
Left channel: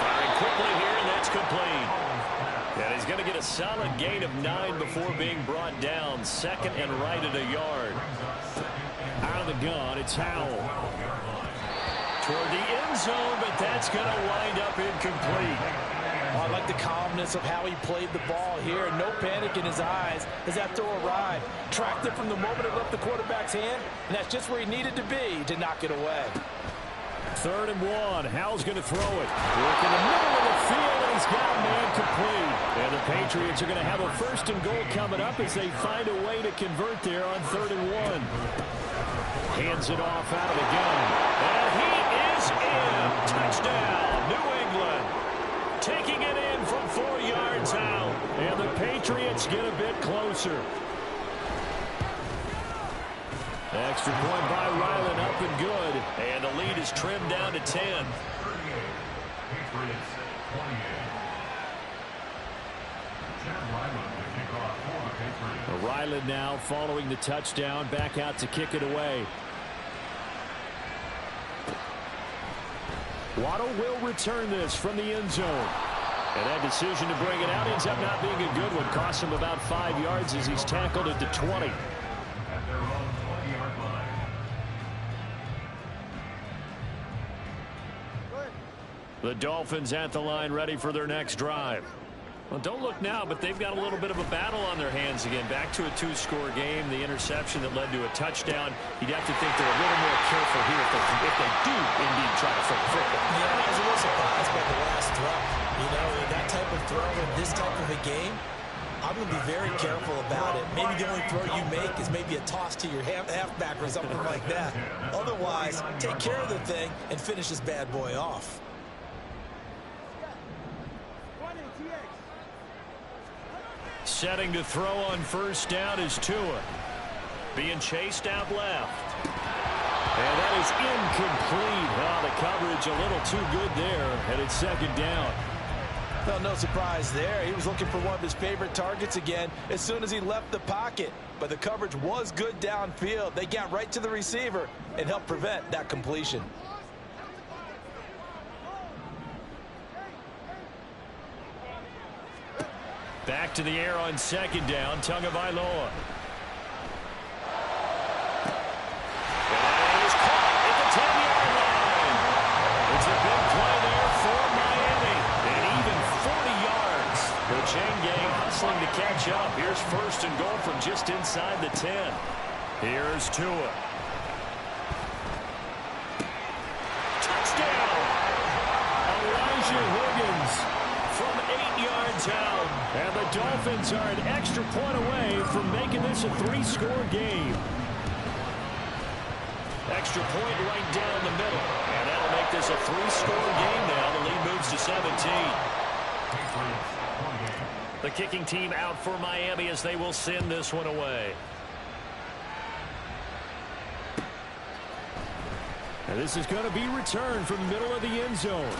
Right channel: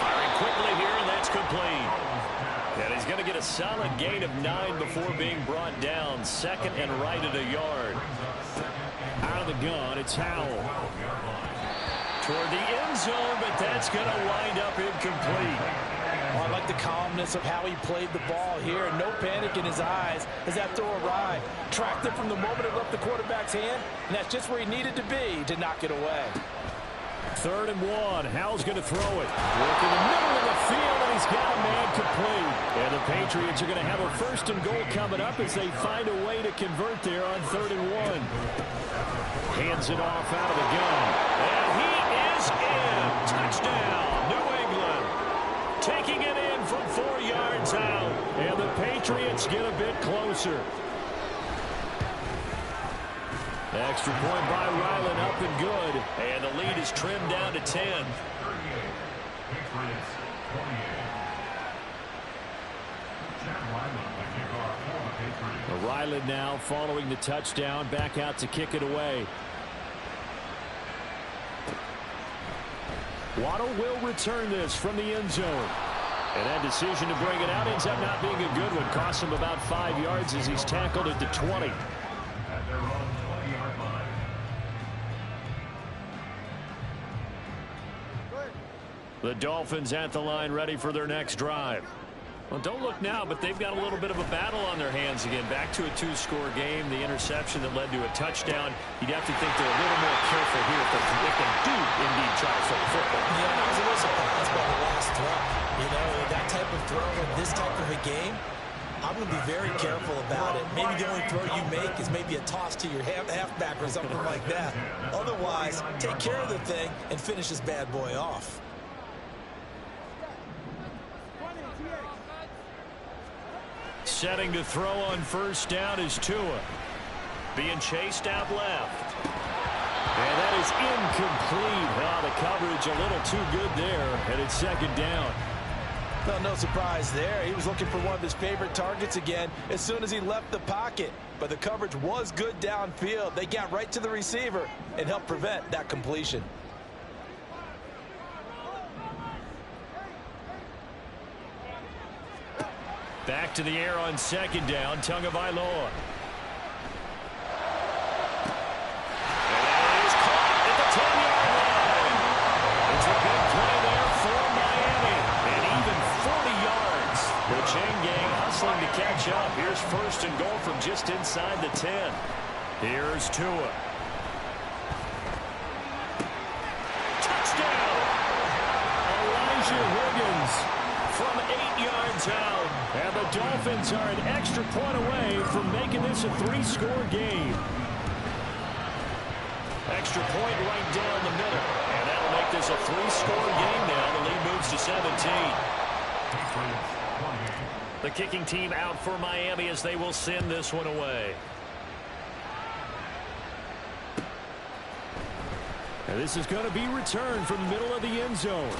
Firing quickly here, and that's complete. And he's going to get a solid gain of 9 before being brought down. 2nd and right at a yard. Out of the gun, it's Howell. Toward the end zone, but that's going to wind up incomplete. Oh, I like the calmness of how he played the ball here. No panic in his eyes as that throw arrived. Tracked it from the moment it left the quarterback's hand, and that's just where he needed to be to knock it away. 3rd and 1. Howell's going to throw it. Work in the middle of the field, and he's got a man complete. And the Patriots are going to have a 1st and goal coming up as they find a way to convert there on 3rd and 1. Hands it off out of the gun. And he is in. Touchdown, New England. Taking it in from 4 yards out. And the Patriots get a bit closer. Extra point by Ryland, up and good. And the lead is trimmed down to 10. 38. Patriots 28. Chad Ryland to kick off for the Patriots. Ryland now following the touchdown, back out to kick it away. Waddle will return this from the end zone. And that decision to bring it out ends up not being a good one. Costs him about 5 yards as he's tackled at the 20. At their own 20-yard line. The Dolphins at the line ready for their next drive. Well, don't look now, but they've got a little bit of a battle on their hands again. Back to a 2-score game. The interception that led to a touchdown. You'd have to think they're a little more careful here if they do indeed try to throw the football. Yeah, I was a little surprised by the last throw. You know, that type of throw in this type of a game, I'm going to be very careful about it. Maybe the only throw you make is maybe a toss to your halfback or something like that. Otherwise, take care of the thing and finish this bad boy off. Setting to throw on first down is Tua. Being chased out left. And that is incomplete. Oh, the coverage a little too good there. And it's second down. Well, no surprise there. He was looking for one of his favorite targets again as soon as he left the pocket. But the coverage was good downfield. They got right to the receiver and helped prevent that completion. Back to the air on second down. Tagovailoa. And it is caught at the 10-yard line. It's a big play there for Miami. And even 40 yards. The chain gang hustling to catch up. Here's first and goal from just inside the 10. Here's Tua. Touchdown! Elijah Higgins from 8 yards out. And the Dolphins are an extra point away from making this a 3-score game. Extra point right down the middle. And that'll make this a 3-score game now. The lead moves to 17. The kicking team out for Miami as they will send this one away. And this is going to be returned from the middle of the end zone.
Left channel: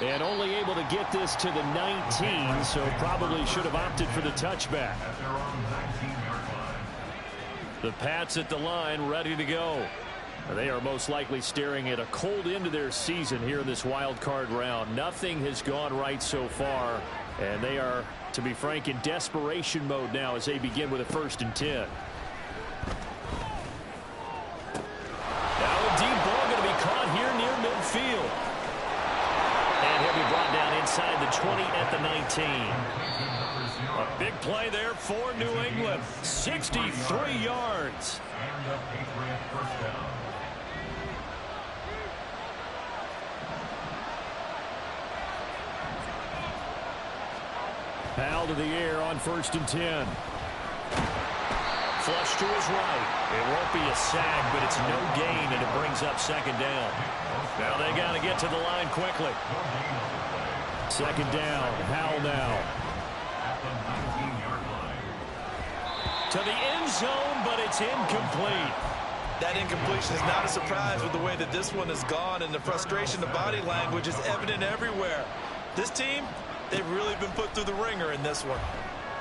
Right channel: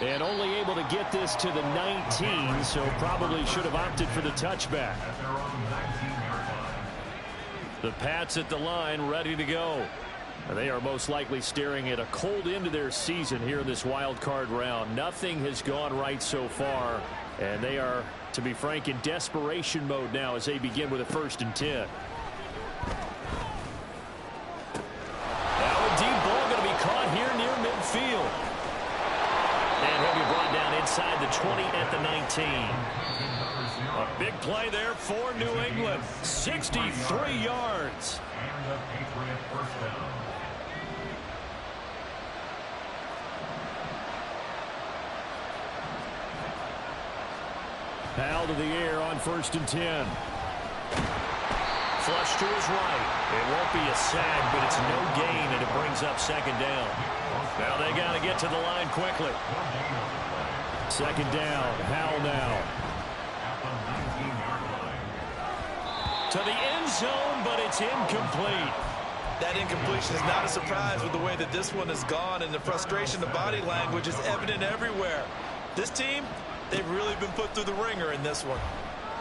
And only able to get this to the 19, so probably should have opted for the touchback. The Pats at the line, ready to go. They are most likely staring at a cold end to their season here in this wild card round. Nothing has gone right so far, and they are, to be frank, in desperation mode now as they begin with a 1st and 10. Now a deep ball going to be caught here near midfield. And he'll be brought down inside the 20 at the 19. A big play there for New England. 63 yards. And a Patriot first down. Powell to the air on 1st and 10. Flush to his right. It won't be a sack, but it's no gain, and it brings up second down. Now they got to get to the line quickly. Second down. Howell now. To the end zone, but it's incomplete. That incompletion is not a surprise with the way that this one has gone, and the frustration, the body language is evident everywhere. This team, they've really been put through the ringer in this one.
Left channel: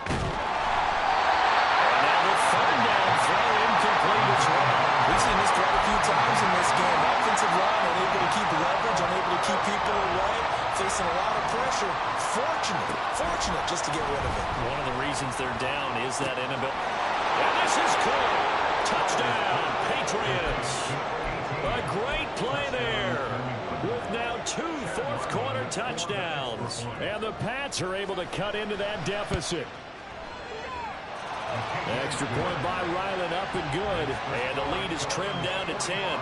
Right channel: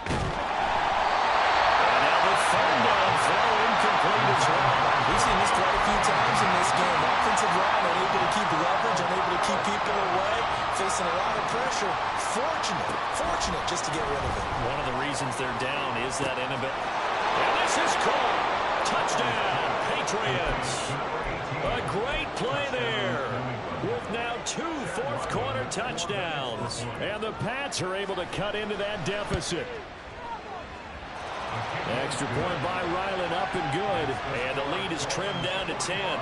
And now the third down throw incomplete as well. We've seen this quite a few times in this game. Offensive line unable to keep leverage, unable to keep people away, facing a lot of pressure. Fortunate just to get rid of it. One of the reasons they're down is that inability. And this is called touchdown, Patriots. A great play there with now 2 fourth-quarter touchdowns. And the Pats are able to cut into that deficit. Extra point by Ryland, up and good. And the lead is trimmed down to 10.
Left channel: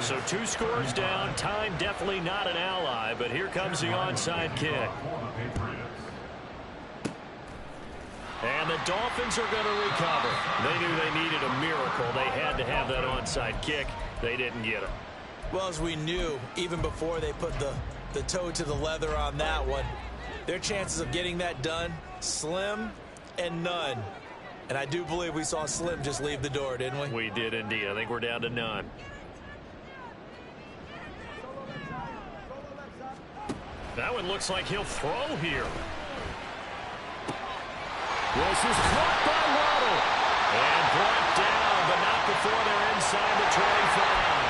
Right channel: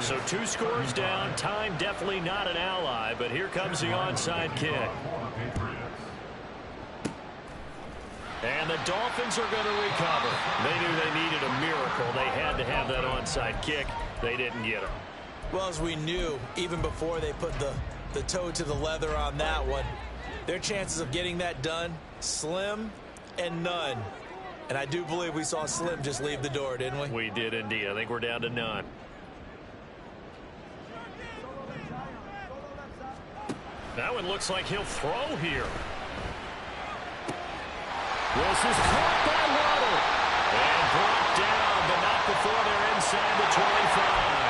So 2 scores down. Time definitely not an ally, but here comes the onside kick. And the Dolphins are going to recover. They knew they needed a miracle. They had to have that onside kick. They didn't get it. Well, as we knew, even before they put the toe to the leather on that one, their chances of getting that done, slim and none. And I do believe we saw Slim just leave the door, didn't we? We did indeed. I think we're down to none. That one looks like he'll throw here. This is caught by Waddle. And brought down, but not before they're inside the 25.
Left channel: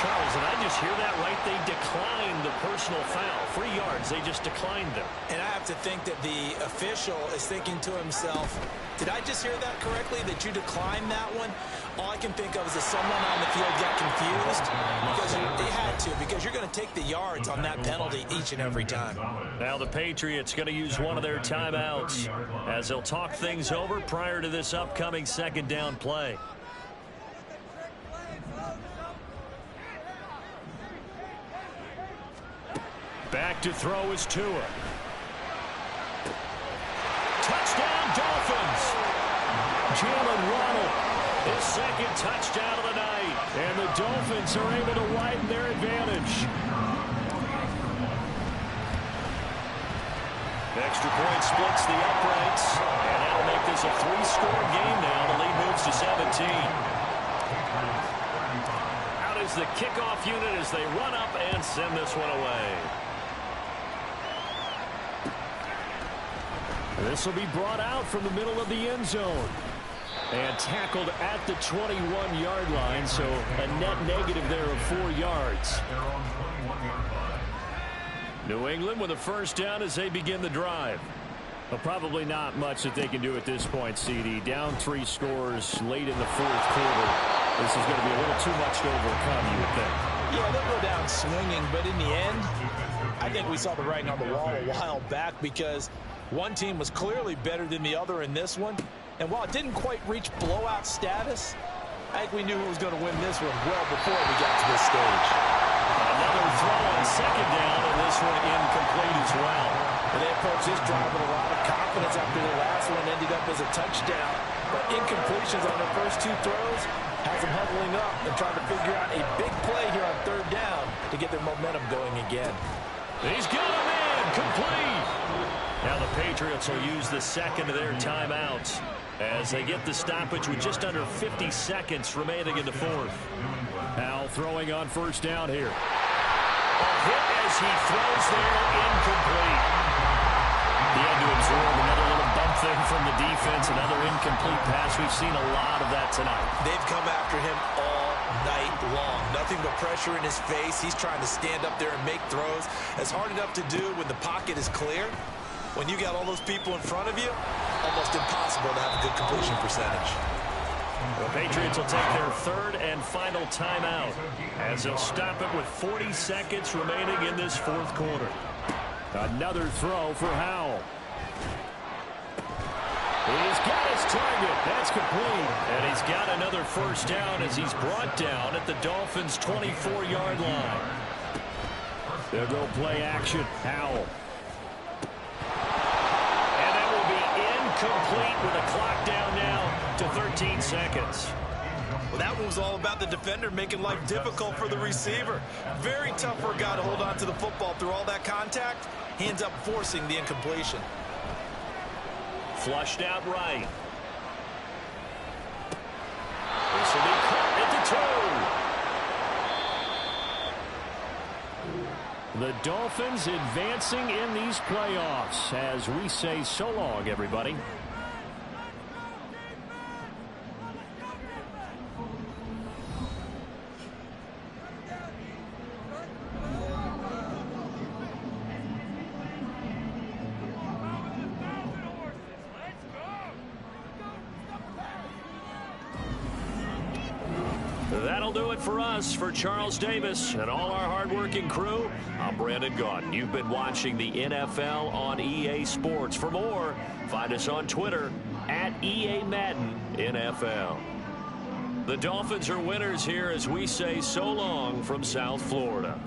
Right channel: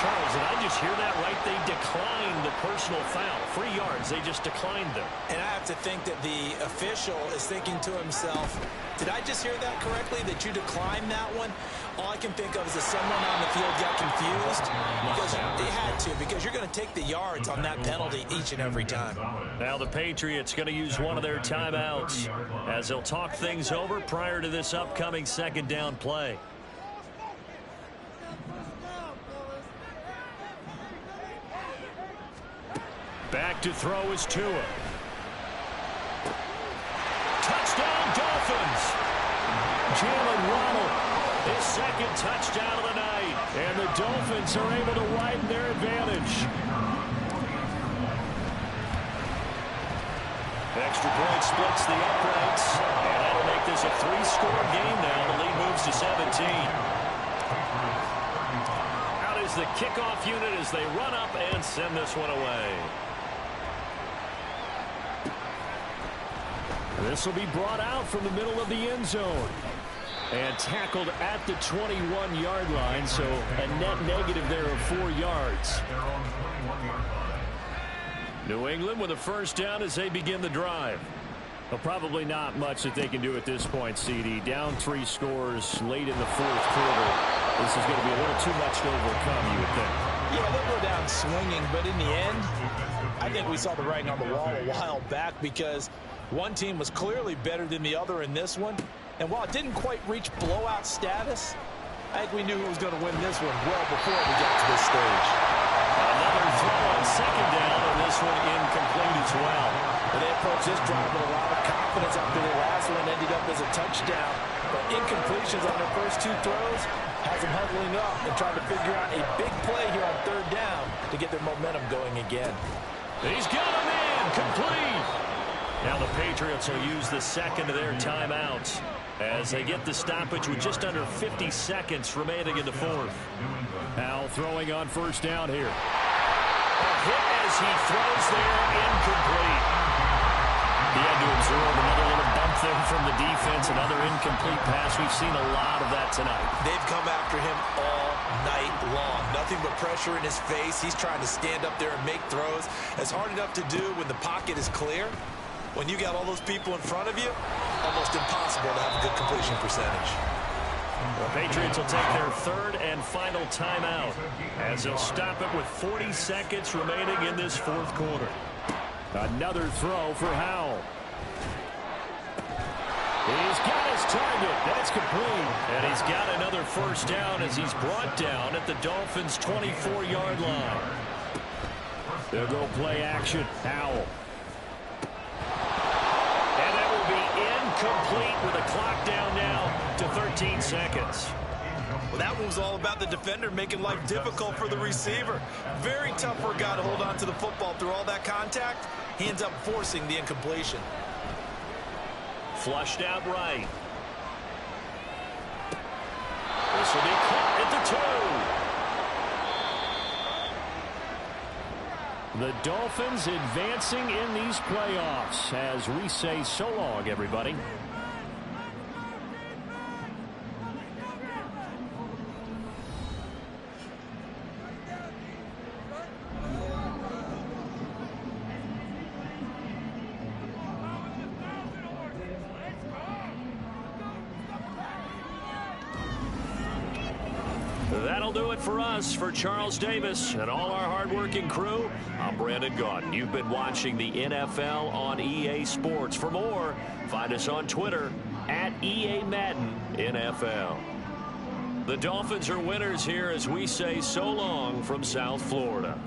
Charles, did I just hear that right? They declined the personal foul. 3 yards, they just declined them. And I have to think that the official is thinking to himself, did I just hear that correctly, that you declined that one? All I can think of is that someone on the field got confused because they had to, because you're going to take the yards on that penalty each and every time. Now the Patriots going to use one of their timeouts as they'll talk things over prior to this upcoming second down play. Back to throw is Tua. Touchdown, Dolphins. Jalen Waddle, his second touchdown of the night. And the Dolphins are able to widen their advantage. Extra point splits the uprights. And that'll make this a 3-score game now. The lead moves to 17. Out is the kickoff unit as they run up and send this one away. This will be brought out from the middle of the end zone. And tackled at the 21-yard line, so a net negative there of 4 yards. New England with a first down as they begin the drive. Well, probably not much that they can do at this point, CD. Down 3 scores late in the fourth quarter. This is going to be a little too much to overcome, you would think. Yeah, they'll go down swinging, but in the end, I think we saw the writing on the wall a while back because one team was clearly better than the other in this one. And while it didn't quite reach blowout status, I think we knew who was going to win this one well before we got to this stage. Another throw on second down, and this one incomplete as well. And they approached this drive with a lot of confidence after the last one ended up as a touchdown. But incompletions on their first 2 throws has them huddling up and trying to figure out a big play here on third down to get their momentum going again. He's got him in, complete. Now the Patriots will use the second of their timeouts as they get the stoppage with just under 50 seconds remaining in the fourth. Now throwing on first down here. A hit as he throws there, incomplete. He had to absorb another little bump there from the defense, another incomplete pass. We've seen a lot of that tonight. They've come after him all night long. Nothing but pressure in his face. He's trying to stand up there and make throws. It's hard enough to do when the pocket is clear. When you got all those people in front of you, almost impossible to have a good completion percentage. The Patriots will take their third and final timeout as they'll stop it with 40 seconds remaining in this fourth quarter. Another throw for Howell. He's got his target. That's complete. And he's got another first down as he's brought down at the Dolphins' 24-yard line. They'll go play action. Howell. And that will be incomplete with a clock down now to 13 seconds. Well, that one was all about the defender making life difficult for the receiver. Very tough for a guy to hold on to the football through all that contact. He ends up forcing the incompletion. Flushed out right. This will be caught at the 2. The Dolphins advancing in these playoffs as we say so long, everybody. That'll do it for us. For Charles Davis and all our hardworking crew, I'm Brandon Gaudin. You've been watching the NFL on EA Sports. For more, find us on Twitter at EA Madden NFL. The Dolphins are winners here as we say so long from South Florida.